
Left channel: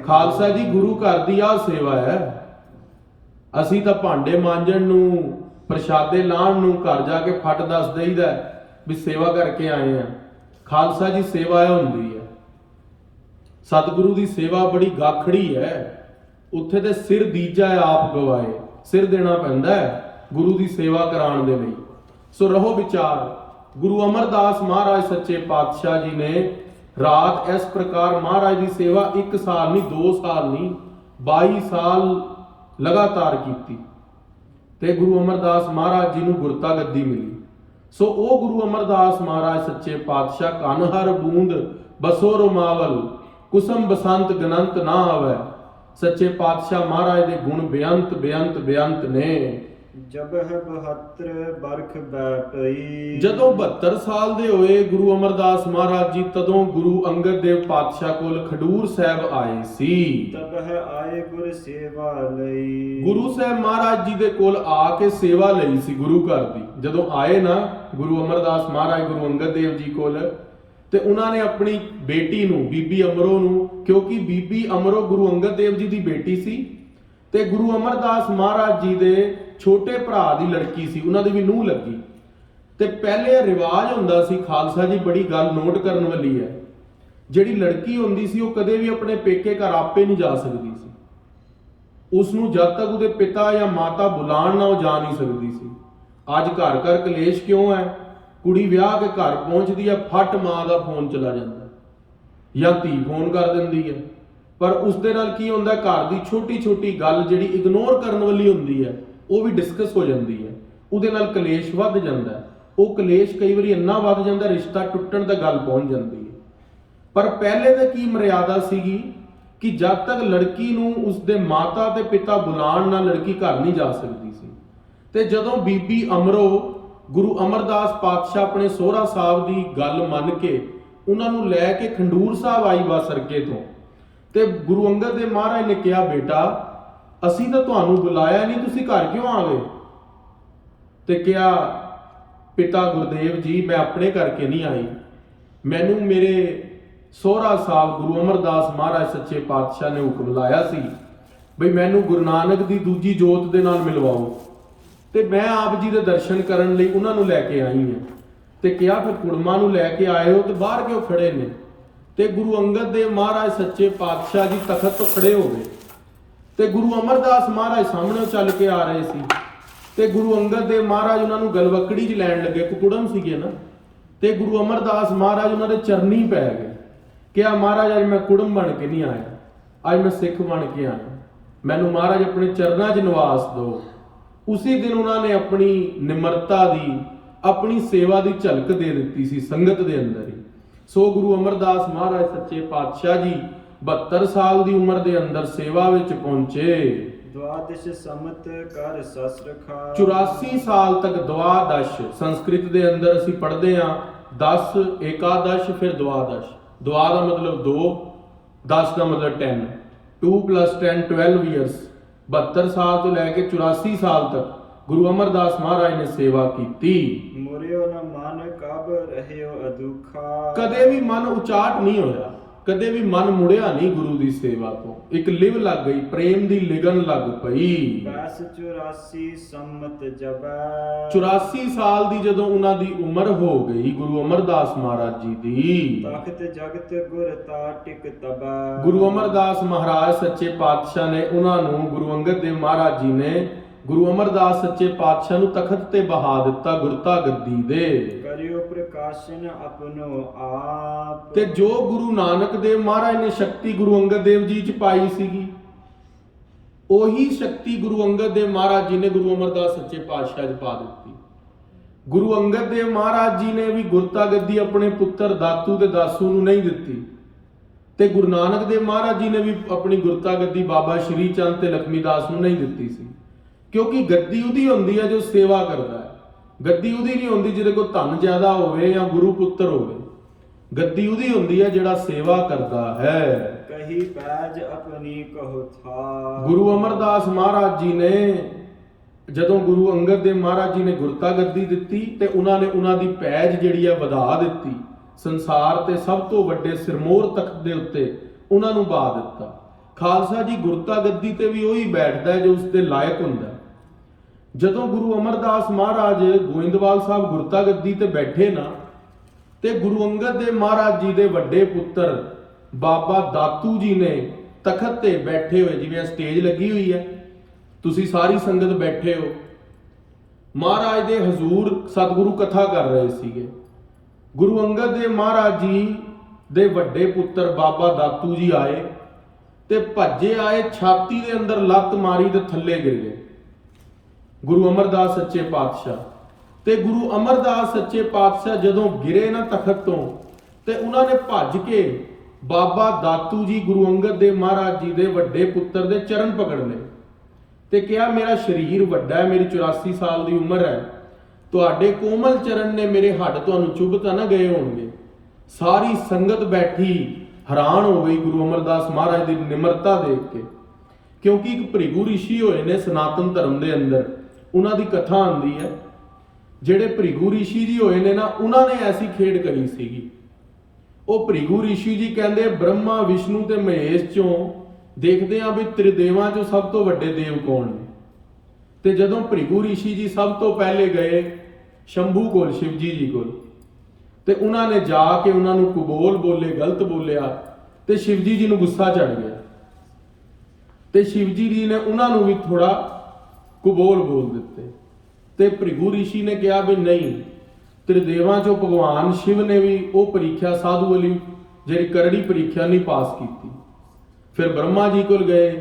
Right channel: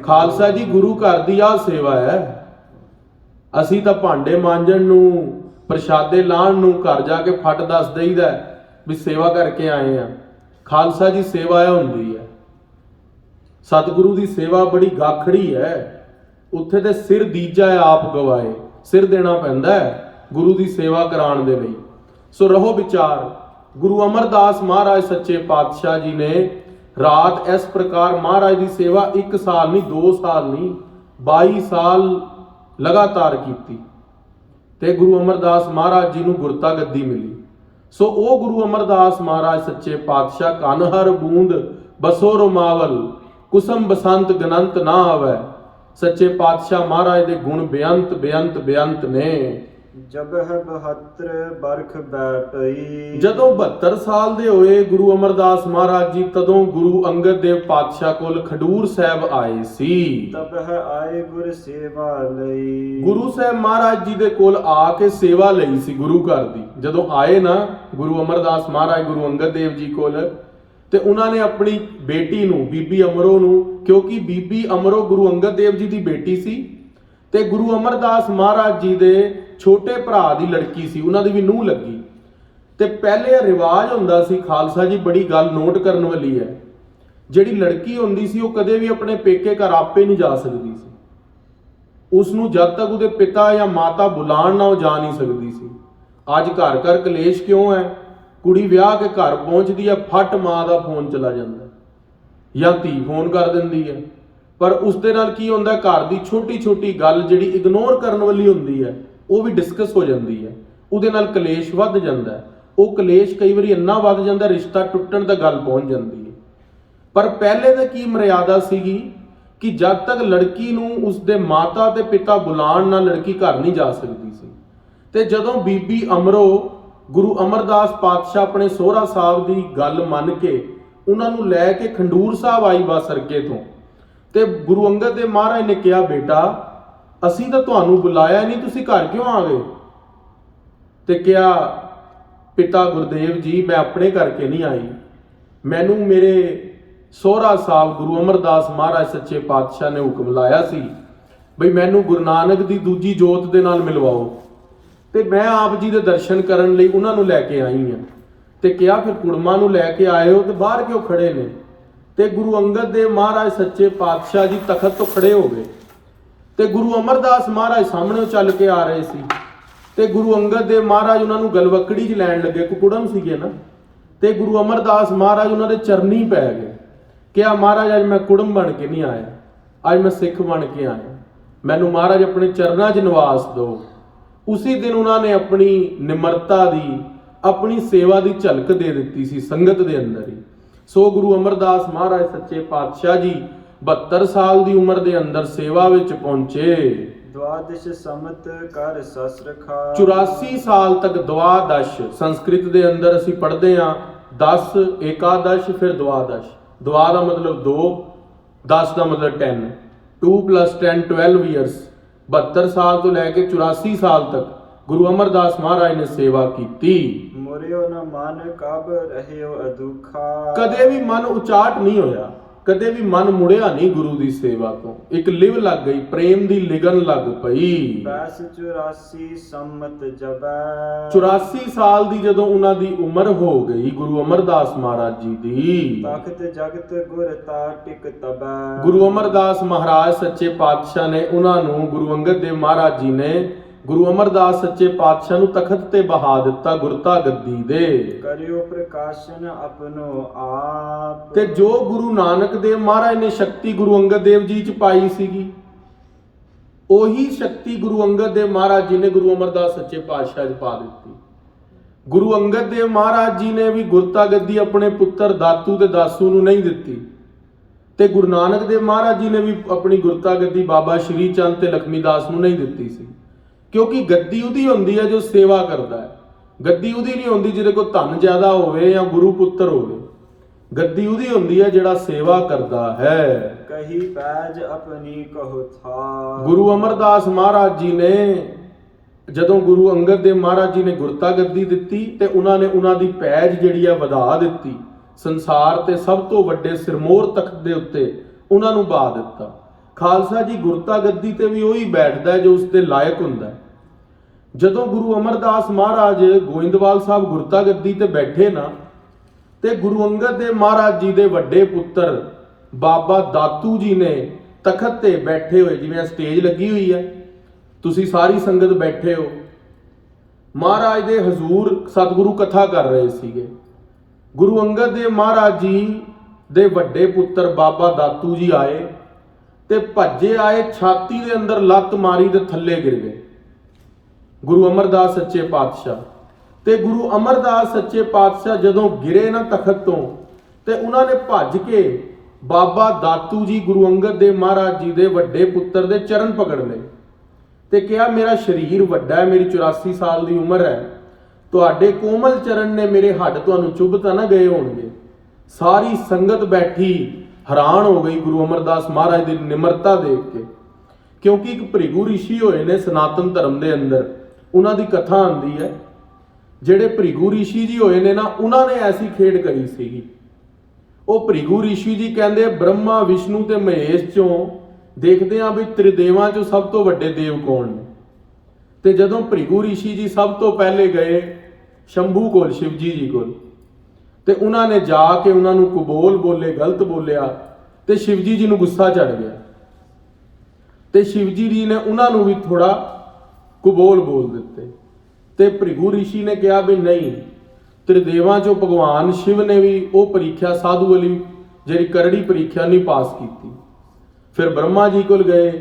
ਖਾਲਸਾ ਜੀ, ਗੁਰੂ ਘਰ ਦੀ ਆਹ ਸੇਵਾ ਹੈ। ਅਸੀਂ ਤਾਂ ਭਾਂਡੇ ਮਾਂਜਣ ਨੂੰ, ਪ੍ਰਸ਼ਾਦੇ ਲਾਣ ਨੂੰ ਘਰ ਜਾ ਕੇ ਫਟ ਦੱਸ ਦੇਈਦਾ ਵੀ ਸੇਵਾ ਕਰਕੇ ਆਏ ਆ। ਖਾਲਸਾ ਜੀ, ਸੇਵਾ ਇਹ ਹੁੰਦੀ ਹੈ। ਸਤਿਗੁਰੂ ਦੀ ਸੇਵਾ ਬੜੀ ਗਾਖੜੀ ਹੈ। ਉੱਥੇ ਤੇ ਸਿਰ ਦੀਜਾ ਆਪ ਗਵਾਏ, ਸਿਰ ਦੇਣਾ ਪੈਂਦਾ ਹੈ ਗੁਰੂ ਦੀ ਸੇਵਾ ਕਰਾਉਣ ਦੇ ਲਈ। ਸੋ ਰਹੋ ਵਿਚਾਰ। ਗੁਰੂ ਅਮਰਦਾਸ ਮਹਾਰਾਜ ਸੱਚੇ ਪਾਤਸ਼ਾਹ ਜੀ ਨੇ ਰਾਤ ਇਸ ਪ੍ਰਕਾਰ ਮਹਾਰਾਜ ਦੀ ਸੇਵਾ 1 ਸਾਲ ਨਹੀਂ, 2 ਸਾਲ ਨਹੀਂ, 22 ਸਾਲ ਲਗਾਤਾਰ ਕੀਤੀ, ਤੇ ਗੁਰੂ ਅਮਰਦਾਸ ਮਹਾਰਾਜ ਜੀ ਨੂੰ ਗੁਰਤਾ ਗੱਦੀ ਮਿਲੀ। ਸੋ ਉਹ ਗੁਰੂ ਅਮਰਦਾਸ ਮਹਾਰਾਜ ਸੱਚੇ ਪਾਤਸ਼ਾਹ, ਕਨ ਹਰ ਬੂੰਦ ਬਸੋ ਰਮਾਵਲ, ਕੁਸਮ ਬਸੰਤ ਗਨੰਤ ਨਾ ਆਵੈ। ਸੱਚੇ ਪਾਤਸ਼ਾਹ ਮਹਾਰਾਜ ਦੇ ਗੁਣ ਬੇਅੰਤ ਨੇ। ਜਬ ਹੈ 72 ਬਰਖ ਬੈਠਈ। ਜਦੋਂ 72 ਸਾਲ ਦੇ ਹੋਏ ਗੁਰੂ ਅਮਰਦਾਸ ਮਹਾਰਾਜ ਜੀ, ਤਦੋਂ ਗੁਰੂ ਅੰਗਦ ਦੇਵ ਪਾਤਸ਼ਾਹ ਕੋਲ ਖਡੂਰ ਸਾਹਿਬ ਆਏ ਸੀ। ਤਬ ਹੈ ਆਏ ਗੁਰ ਸੇਵਾ ਲਈ। ਗੁਰੂ ਸਾਹਿਬ ਮਹਾਰਾਜ ਜੀ ਦੇ ਕੋਲ ਆ ਕੇ ਸੇਵਾ ਲਈ ਸੀ ਗੁਰੂ ਘਰ ਦੀ। ਜਦੋਂ ਆਏ ਨਾ ਗੁਰੂ ਅਮਰਦਾਸ ਮਹਾਰਾਜ ਗੁਰੂ ਅੰਗਦ ਦੇਵ ਜੀ ਕੋਲ, ਤੇ ਉਹਨਾਂ ਨੇ ਆਪਣੀ ਬੇਟੀ ਨੂੰ, ਬੀਬੀ ਅਮਰੋ ਨੂੰ, ਕਿਉਂਕਿ ਬੀਬੀ ਅਮਰੋ ਗੁਰੂ ਅੰਗਦ ਦੇਵ ਜੀ ਦੀ ਬੇਟੀ ਸੀ ਤੇ ਗੁਰੂ ਅਮਰਦਾਸ ਮਹਾਰਾਜ ਜੀ ਦੇ ਛੋਟੇ ਭਰਾ ਦੀ ਲੜਕੀ ਸੀ, ਉਹਨਾਂ ਦੀ ਵੀ ਨੂੰਹ ਲੱਗੀ। ਤੇ ਪਹਿਲੇ ਰਿਵਾਜ ਹੁੰਦਾ ਸੀ, ਖਾਲਸਾ ਜੀ ਬੜੀ ਗੱਲ ਨੋਟ ਕਰਨ ਵਾਲੀ ਹੈ, ਜਿਹੜੀ ਲੜਕੀ ਹੁੰਦੀ ਸੀ ਉਹ ਕਦੇ ਵੀ ਆਪਣੇ ਪੇਕੇ ਘਰ ਆਪੇ ਨਹੀਂ ਜਾ ਸਕਦੀ ਸੀ। ਉਸ ਨੂੰ ਜਦ ਤੱਕ ਉਹਦੇ ਪਿਤਾ ਜਾਂ ਮਾਤਾ ਬੁਲਾਣ ਨਾ ਉਹ ਜਾ ਨਹੀਂ ਸਕਦੀ ਸੀ। ਅੱਜ ਘਰ ਘਰ ਕਲੇਸ਼ ਕਿਉਂ ਹੈ? ਕੁੜੀ ਵਿਆਹ ਕੇ ਘਰ ਪਹੁੰਚਦੀ ਹੈ, ਫੱਟ ਮਾਂ ਦਾ ਫੋਨ ਚਲਾ ਜਾਂਦਾ ਜਾਂ ਧੀ ਫੋਨ ਕਰ ਦਿੰਦੀ ਹੈ। ਪਰ ਉਸ ਦੇ ਨਾਲ ਕੀ ਹੁੰਦਾ, ਘਰ ਦੀ ਛੋਟੀ ਛੋਟੀ ਗੱਲ ਜਿਹੜੀ ਇਗਨੋਰ ਕਰਨ ਵਾਲੀ ਹੁੰਦੀ ਹੈ ਉਹ ਵੀ ਡਿਸਕਸ ਹੋ ਜਾਂਦੀ ਹੈ, ਉਹਦੇ ਨਾਲ ਕਲੇਸ਼ ਵੱਧ ਜਾਂਦਾ ਹੈ। ਉਹ ਕਲੇਸ਼ ਕਈ ਵਾਰੀ ਇੰਨਾ ਵੱਧ ਜਾਂਦਾ ਰਿਸ਼ਤਾ ਟੁੱਟਣ ਤੱਕ ਗੱਲ ਪਹੁੰਚ ਜਾਂਦੀ ਹੈ। ਪਰ ਪਹਿਲੇ ਤਾਂ ਕੀ ਮਰਿਆਦਾ ਸੀਗੀ ਕਿ ਜਦ ਤੱਕ ਲੜਕੀ ਨੂੰ ਉਸਦੇ ਮਾਤਾ ਤੇ ਪਿਤਾ ਬੁਲਾਣ ਨਾਲ ਲੜਕੀ ਘਰ ਨਹੀਂ ਜਾ ਸਕਦੀ ਸੀ। ਤੇ ਜਦੋਂ ਬੀਬੀ ਅਮਰੋ ਗੁਰੂ ਅਮਰਦਾਸ ਪਾਤਸ਼ਾਹ ਆਪਣੇ ਸਹੁਰਾ ਸਾਹਿਬ ਦੀ ਗੱਲ ਮੰਨ ਕੇ ਉਹਨਾਂ ਨੂੰ ਲੈ ਕੇ ਖੰਡੂਰ ਸਾਹਿਬ ਆਈ ਬਾਸਰਕੇ ਤੋਂ, ਤੇ ਗੁਰੂ ਅੰਗਦ ਦੇਵ ਮਹਾਰਾਜ ਨੇ ਕਿਹਾ, ਬੇਟਾ ਅਸੀਂ ਤਾਂ ਤੁਹਾਨੂੰ ਬੁਲਾਇਆ ਨਹੀਂ, ਤੁਸੀਂ ਘਰ ਕਿਉਂ ਆ ਗਏ? ਤੇ ਕਿਹਾ, ਪਿਤਾ ਗੁਰਦੇਵ ਜੀ ਮੈਂ ਆਪਣੇ ਕਰਕੇ ਨਹੀਂ ਆਈ, ਮੈਨੂੰ ਮੇਰੇ ਸਹੁਰਾ ਸਾਹਿਬ ਗੁਰੂ ਅਮਰਦਾਸ ਮਹਾਰਾਜ ਸੱਚੇ ਪਾਤਸ਼ਾਹ ਨੇ ਹੁਕਮ ਲਾਇਆ ਸੀ ਬਈ ਮੈਨੂੰ ਗੁਰੂ ਨਾਨਕ ਦੀ ਦੂਜੀ ਜੋਤ ਦੇ ਨਾਲ ਮਿਲਵਾਓ, ਤੇ ਮੈਂ ਆਪ ਜੀ ਦੇ ਦਰਸ਼ਨ ਕਰਨ ਲਈ ਉਹਨਾਂ ਨੂੰ ਲੈ ਕੇ ਆਈ ਹਾਂ। ਤੇ ਕਿਹਾ ਫਿਰ ਕੁੜਮਾ ਨੂੰ ਲੈ ਕੇ ਆਏ ਹੋ ਤੇ ਬਾਹਰ ਕਿਉਂ ਖੜੇ ਨੇ? ਤੇ ਗੁਰੂ ਅੰਗਦ ਦੇਵ ਮਹਾਰਾਜ ਸੱਚੇ ਪਾਤਸ਼ਾਹ ਜੀ ਤਖਤ ਤੋਂ ਖੜੇ ਹੋ ਗਏ ਤੇ ਗੁਰੂ ਅਮਰਦਾਸ ਮਹਾਰਾਜ ਸਾਹਮਣੇ ਚੱਲ ਕੇ ਆ ਰਹੇ ਸੀ। ਤੇ ਗੁਰੂ ਅੰਗਦ ਦੇਵ ਮਹਾਰਾਜ ਉਹਨਾਂ ਨੂੰ ਗਲਵਕੜੀ 'ਚ ਲੈਣ ਲੱਗੇ, ਕੁਕੁੜਮ ਸੀਗੇ ਨਾ, ਤੇ ਗੁਰੂ ਅਮਰਦਾਸ ਮਹਾਰਾਜ ਉਹਨਾਂ ਦੇ ਚਰਨੀ ਪੈ ਗਏ। ਕਿਹਾ, ਮਹਾਰਾਜ ਅੱਜ ਮੈਂ ਕੁੜਮ ਬਣ ਕੇ ਨਹੀਂ ਆਇਆ, ਅੱਜ ਮੈਂ ਸਿੱਖ ਬਣ ਕੇ ਆਇਆ, ਮੈਨੂੰ ਮਹਾਰਾਜ ਆਪਣੇ ਚਰਨਾਂ 'ਚ ਨਿਵਾਸ ਦਿਓ। ਉਸੇ ਦਿਨ ਉਹਨਾਂ ਨੇ ਆਪਣੀ ਨਿਮਰਤਾ ਦੀ, ਆਪਣੀ ਸੇਵਾ ਦੀ ਝਲਕ ਦੇ ਦਿੱਤੀ ਸੀ ਸੰਗਤ ਦੇ ਅੰਦਰ ਹੀ। ਸੋ ਗੁਰੂ ਅਮਰਦਾਸ ਮਹਾਰਾਜ ਸੱਚੇ ਪਾਤਸ਼ਾਹ ਜੀ 72 ਸਾਲ ਦੀ ਉਮਰ ਦੇ ਅੰਦਰ ਸੇਵਾ ਵਿੱਚ ਪਹੁੰਚੇ। द्वादश समत कर ससरखा 84 ਸਾਲ ਤੱਕ द्वादश ਸੰਸਕ੍ਰਿਤ ਦੇ ਅੰਦਰ ਅਸੀਂ ਪੜ੍ਹਦੇ ਹਾਂ 10 ਏਕਾदश ਫਿਰ द्वादश। द्वा ਦਾ ਮਤਲਬ 2, 10 ਦਾ ਮਤਲਬ 10, 2 + 10 12 ਇਅਰਸ। 72 ਸਾਲ ਤੋਂ ਲੈ ਕੇ 84 ਸਾਲ ਤੱਕ ਗੁਰੂ ਅਮਰਦਾਸ ਮਹਾਰਾਜ ਨੇ ਸੇਵਾ ਕੀਤੀ। ਮੁਰਿਓ ਨ ਮਨ ਕਬ ਰਹਿਓ ਅਦੁਖਾ ਕਦੇ ਵੀ ਮਨ ਉਚਾਟ ਨਹੀਂ ਹੋਇਆ, ਕਦੇ ਵੀ ਮਨ ਮੁੜਿਆ ਨਹੀਂ ਗੁਰੂ ਦੀ ਸੇਵਾ ਤੋਂ। ਇੱਕ ਲਿਵ ਲੱਗ ਗਈ, ਪ੍ਰੇਮ ਦੀ ਲਿਗਨ ਲੱਗ ਪਈ। 84 ਸੰਮਤ ਜਬੈ 84 ਸਾਲ ਦੀ ਜਦੋਂ ਉਹਨਾਂ ਦੀ ਉਮਰ ਹੋ ਗਈ ਗੁਰੂ ਅਮਰਦਾਸ ਮਹਾਰਾਜ ਜੀ ਦੀ, ਤਖਤ ਜਗਤ ਗੁਰ ਤਾ ਟਿਕ ਤਬੈ ਗੁਰੂ ਅਮਰਦਾਸ ਮਹਾਰਾਜ ਸੱਚੇ ਪਾਤਸ਼ਾਹ ਨੇ ਉਹਨਾਂ ਨੂੰ, ਗੁਰੂ ਅੰਗਦ ਦੇਵ ਮਹਾਰਾਜ ਜੀ ਨੇ ਗੁਰੂ ਅਮਰਦਾਸ ਸੱਚੇ ਪਾਤਸ਼ਾਹ ਨੂੰ ਤਖਤ ਤੇ ਬਹਾ ਦਿੱਤਾ ਗੁਰਤਾ ਗੱਦੀ ਦੇ। ਕਰਿਓ ਪ੍ਰਕਾਸ਼ਨ ਆਪਨੋ ਆਪ ਤੇ ਜੋ ਗੁਰੂ ਨਾਨਕ ਦੇਵ ਮਹਾਰਾਜ ਨੇ ਸ਼ਕਤੀ ਗੁਰੂ ਅੰਗਦ ਦੇਵ ਜੀ ਚ ਪਾਈ ਸੀਗੀ, ਉਹੀ ਸ਼ਕਤੀ ਗੁਰੂ ਅੰਗਦ ਦੇਵ ਮਹਾਰਾਜ ਜੀ ਨੇ ਗੁਰੂ ਅਮਰਦਾਸ ਸੱਚੇ ਪਾਤਸ਼ਾਹ ਚ ਪਾ ਦਿੱਤੀ। ਗੁਰੂ ਅੰਗਦ ਦੇਵ ਮਹਾਰਾਜ ਜੀ ਨੇ ਵੀ ਗੁਰਤਾ ਗੱਦੀ ਆਪਣੇ ਪੁੱਤਰ ਦਾਤੂ ਤੇ ਦਾਸੂ ਨੂੰ ਨਹੀਂ ਦਿੱਤੀ, ਤੇ ਗੁਰੂ ਨਾਨਕ ਦੇਵ ਮਹਾਰਾਜ ਜੀ ਨੇ ਵੀ ਆਪਣੀ ਗੁਰਤਾ ਗੱਦੀ ਬਾਬਾ ਸ਼੍ਰੀ ਚੰਦ ਤੇ ਲਖਮੀ ਦਾਸ ਨੂੰ ਨਹੀਂ ਦਿੱਤੀ ਸੀ। ਕਿਉਂਕਿ ਗੱਦੀ ਉਹਦੀ ਹੁੰਦੀ ਹੈ ਜੋ ਸੇਵਾ ਕਰਦਾ ਹੈ, ਗੱਦੀ ਉਹਦੀ ਨਹੀਂ ਹੁੰਦੀ ਜਿਹਦੇ ਕੋਲ ਧਨ ਜ਼ਿਆਦਾ ਹੋਵੇ ਜਾਂ ਗੁਰੂ ਪੁੱਤਰ ਹੋਵੇ। ਗੱਦੀ ਉਹਦੀ ਹੁੰਦੀ ਹੈ ਜਿਹੜਾ ਸੇਵਾ ਕਰਦਾ ਹੈ। ਕਹੀ ਪੈਜ ਆਪਣੀ ਕਹੋ ਥਾ ਗੁਰੂ ਅਮਰਦਾਸ ਮਹਾਰਾਜ ਜੀ ਨੇ ਜਦੋਂ ਗੁਰੂ ਅੰਗਦ ਦੇਵ ਮਹਾਰਾਜ ਜੀ ਨੇ ਗੁਰਤਾ ਗੱਦੀ ਦਿੱਤੀ ਤੇ ਉਹਨਾਂ ਨੇ ਉਹਨਾਂ ਦੀ ਪੈਜ ਜਿਹੜੀ ਆ ਵਧਾ ਦਿੱਤੀ, ਸੰਸਾਰ ਤੇ ਸਭ ਤੋਂ ਵੱਡੇ ਸਿਰਮੌਰ ਤਖਤ ਦੇ ਉੱਤੇ ਉਹਨਾਂ ਨੂੰ ਬਾ ਦਿੱਤਾ। ਖਾਲਸਾ ਜੀ ਗੁਰਤਾ ਗੱਦੀ ਤੇ ਵੀ ਉਹੀ ਬੈਠਦਾ ਜੋ ਉਸ ਦੇ ਲਾਇਕ ਹੁੰਦਾ ਹੈ। ਜਦੋਂ ਗੁਰੂ ਅਮਰਦਾਸ ਮਹਾਰਾਜ ਗੋਇੰਦਵਾਲ ਸਾਹਿਬ ਗੁਰਤਾ ਗੱਦੀ ਤੇ ਬੈਠੇ ਨਾ, ਤੇ ਗੁਰੂ ਅੰਗਦ ਦੇਵ ਮਹਾਰਾਜ ਜੀ ਦੇ ਵੱਡੇ ਪੁੱਤਰ ਬਾਬਾ ਦਾਤੂ ਜੀ ਨੇ ਤਖਤ ਤੇ ਬੈਠੇ ਹੋਏ, ਜਿਵੇਂ ਸਟੇਜ ਲੱਗੀ ਹੋਈ ਹੈ, ਤੁਸੀਂ ਸਾਰੀ ਸੰਗਤ ਬੈਠੇ ਹੋ, ਮਹਾਰਾਜ ਦੇ ਹਜ਼ੂਰ ਸਤਿਗੁਰੂ ਕਥਾ ਕਰ ਰਹੇ ਸੀਗੇ। ਗੁਰੂ ਅੰਗਦ ਦੇਵ ਮਹਾਰਾਜ ਜੀ ਦੇ ਵੱਡੇ ਪੁੱਤਰ ਬਾਬਾ ਦਾਤੂ ਜੀ ਆਏ ਤੇ ਭੱਜੇ ਆਏ, ਛਾਤੀ ਦੇ ਅੰਦਰ ਲੱਤ ਮਾਰੀ ਤੇ ਥੱਲੇ ਗਿਰ ਗਏ ਗੁਰੂ ਅਮਰਦਾਸ ਸੱਚੇ ਪਾਤਸ਼ਾਹ। ਤੇ ਗੁਰੂ ਅਮਰਦਾਸ ਸੱਚੇ ਪਾਤਸ਼ਾਹ ਜਦੋਂ ਗਿਰੇ ਨਾ ਤਖਤ ਤੋਂ, ਤੇ ਉਹਨਾਂ ਨੇ ਭੱਜ ਕੇ ਬਾਬਾ ਦਾਤੂ ਜੀ ਗੁਰੂ ਅੰਗਦ ਦੇਵ ਮਹਾਰਾਜ ਜੀ ਦੇ ਵੱਡੇ ਪੁੱਤਰ ਦੇ ਚਰਨ ਪਕੜ ਲਏ ਤੇ ਕਿਹਾ, ਮੇਰਾ ਸਰੀਰ ਵੱਡਾ ਹੈ, ਮੇਰੀ 84 ਸਾਲ ਦੀ ਉਮਰ ਹੈ, ਤੁਹਾਡੇ ਕੋਮਲ ਚਰਨ ਨੇ ਮੇਰੇ ਹੱਡ ਤੁਹਾਨੂੰ ਚੁੱਭ ਤਾਂ ਨਾ ਗਏ ਹੋਣਗੇ। ਸਾਰੀ ਸੰਗਤ ਬੈਠੀ ਹੈਰਾਨ ਹੋ ਗਈ ਗੁਰੂ ਅਮਰਦਾਸ ਮਹਾਰਾਜ ਦੀ ਨਿਮਰਤਾ ਦੇਖ ਕੇ, ਕਿਉਂਕਿ ਇੱਕ ਭ੍ਰਿਗੂ ਰਿਸ਼ੀ ਹੋਏ ਨੇ ਸਨਾਤਨ ਧਰਮ ਦੇ ਅੰਦਰ, ਉਹਨਾਂ ਦੀ ਕਥਾ ਆਉਂਦੀ ਹੈ। ਜਿਹੜੇ ਭ੍ਰਿਗੂ ਰਿਸ਼ੀ ਜੀ ਹੋਏ ਨੇ ਨਾ, ਉਹਨਾਂ ਨੇ ਐਸੀ ਖੇਡ ਕਰੀ ਸੀਗੀ। ਉਹ ਭ੍ਰਿਗੂ ਰਿਸ਼ੀ ਜੀ ਕਹਿੰਦੇ ਬ੍ਰਹਮਾ ਵਿਸ਼ਨੂੰ ਤੇ ਮਹੇਸ਼ ਚੋਂ ਦੇਖਦੇ ਆ ਵੀ ਤ੍ਰਿਦੇਵਾਂ ਚੋਂ ਸਭ ਤੋਂ ਵੱਡੇ ਦੇਵ ਕੌਣ ਨੇ। ਤੇ ਜਦੋਂ ਭ੍ਰਿਗੂ ਰਿਸ਼ੀ ਜੀ ਸਭ ਤੋਂ ਪਹਿਲੇ ਗਏ ਸ਼ੰਭੂ ਕੋਲ, ਸ਼ਿਵਜੀ ਜੀ ਕੋਲ, ਤੇ ਉਹਨਾਂ ਨੇ ਜਾ ਕੇ ਉਹਨਾਂ ਨੂੰ ਕੁਬੋਲ ਬੋਲੇ, ਗਲਤ ਬੋਲਿਆ, ਤੇ ਸ਼ਿਵਜੀ ਜੀ ਨੂੰ ਗੁੱਸਾ ਚੜ ਗਿਆ। ਤੇ ਸ਼ਿਵਜੀ ਜੀ ਨੇ ਉਹਨਾਂ ਨੂੰ ਵੀ ਥੋੜਾ ਕੁਬੋਲ ਬੋਲ ਦਿੱਤੇ। ਤੇ ਭ੍ਰਿਗੂ ਰਿਸ਼ੀ ਨੇ ਕਿਹਾ ਵੀ ਨਹੀਂ, ਤ੍ਰਿਦੇਵਾਂ ਚੋਂ ਭਗਵਾਨ ਸ਼ਿਵ ਨੇ ਵੀ ਉਹ ਪ੍ਰੀਖਿਆ ਸਾਧੂ ਵਾਲੀ ਜਿਹੜੀ ਕਰੜੀ ਪ੍ਰੀਖਿਆ ਨਹੀਂ ਪਾਸ ਕੀਤੀ। ਫਿਰ ਬ੍ਰਹਮਾ ਜੀ ਕੋਲ ਗਏ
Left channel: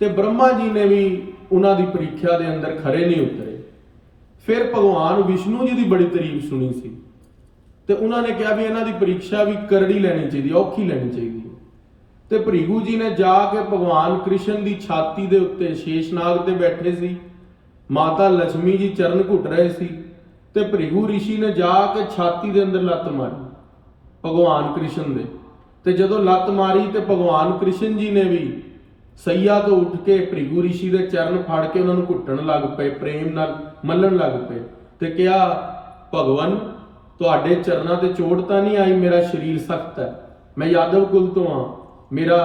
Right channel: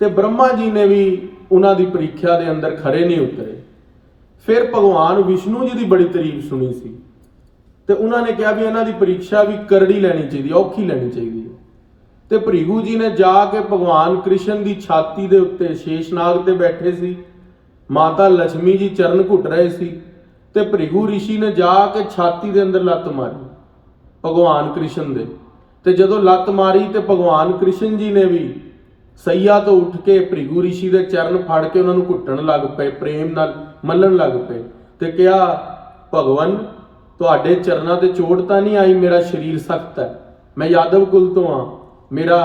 ਤੇ ਬ੍ਰਹਮਾ ਜੀ ਨੇ ਵੀ ਉਹਨਾਂ ਦੀ ਪ੍ਰੀਖਿਆ ਦੇ ਅੰਦਰ ਖਰੇ ਨਹੀਂ ਉਤਰੇ। ਫਿਰ ਭਗਵਾਨ ਵਿਸ਼ਨੂੰ ਜੀ ਦੀ ਬੜੀ ਤਾਰੀਫ ਸੁਣੀ ਸੀ ਤੇ ਉਹਨਾਂ ਨੇ ਕਿਹਾ ਵੀ ਇਹਨਾਂ ਦੀ ਪ੍ਰੀਖਿਆ ਵੀ ਕਰੜੀ ਲੈਣੀ ਚਾਹੀਦੀ, ਔਖੀ ਲੈਣੀ ਚਾਹੀਦੀ ਹੈ। ਤੇ ਭ੍ਰਿਗੂ ਜੀ ਨੇ ਜਾ ਕੇ ਭਗਵਾਨ ਕ੍ਰਿਸ਼ਨ ਦੀ ਛਾਤੀ ਦੇ ਉੱਤੇ ਸ਼ੇਸ਼ਨਾਗ ਤੇ ਬੈਠੇ ਸੀ, ਮਾਤਾ ਲక్ష్ਮੀ ਜੀ ਚਰਨ ਘੁੱਟ ਰਹੇ ਸੀ ਤੇ ਭ੍ਰਿਗੂ ਰਿਸ਼ੀ ਨੇ ਜਾ ਕੇ ਛਾਤੀ ਦੇ ਅੰਦਰ ਲੱਤ ਮਾਰੀ ਭਗਵਾਨ ਕ੍ਰਿਸ਼ਨ ਦੇ। ਤੇ ਜਦੋਂ ਲੱਤ ਮਾਰੀ ਤੇ ਭਗਵਾਨ ਕ੍ਰਿਸ਼ਨ ਜੀ ਨੇ ਵੀ ਸਈਆ ਤੋਂ ਉੱਠ ਕੇ ਭ੍ਰਿਗੂ ਰਿਸ਼ੀ ਦੇ ਚਰਨ ਫੜ ਕੇ ਉਹਨਾਂ ਨੂੰ ਘੁੱਟਣ ਲੱਗ ਪਏ, ਪ੍ਰੇਮ ਨਾਲ ਮੱਲਣ ਲੱਗ ਪਏ ਤੇ ਕਿਹਾ, ਭਗਵਾਨ ਤੁਹਾਡੇ ਚਰਨਾਂ ਤੇ ਚੋਟ ਤਾਂ ਨਹੀਂ ਆਈ, ਮੇਰਾ ਸਰੀਰ ਸਖਤ ਹੈ, ਮੈਂ ਯਾਦਵ ਕੁਲ ਤੋਂ ਆ, ਮੇਰਾ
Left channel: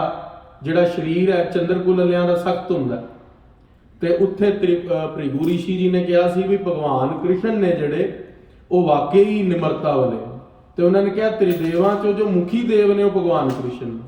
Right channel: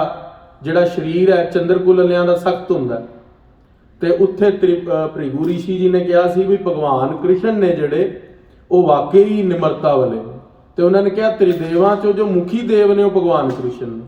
ਜਿਹੜਾ ਸਰੀਰ ਹੈ ਚੰਦਰਕੁਲ ਵਾਲਿਆਂ ਦਾ ਸਖਤ ਹੁੰਦਾ। ਤੇ ਉੱਥੇ ਭ੍ਰਿਗੂ ਰਿਸ਼ੀ ਜੀ ਨੇ ਕਿਹਾ ਸੀ ਵੀ ਭਗਵਾਨ ਕ੍ਰਿਸ਼ਨ ਨੇ ਜਿਹੜੇ ਉਹ ਵਾਕਈ ਹੀ ਨਿਮਰਤਾ ਵਾਲੇ ਨੇ। ਤੇ ਉਹਨਾਂ ਨੇ ਕਿਹਾ ਤ੍ਰਿਦੇਵਾਂ ਚੋਂ ਜੋ ਮੁਖੀ ਦੇਵ ਨੇ ਉਹ ਭਗਵਾਨ ਕ੍ਰਿਸ਼ਨ ਨੇ।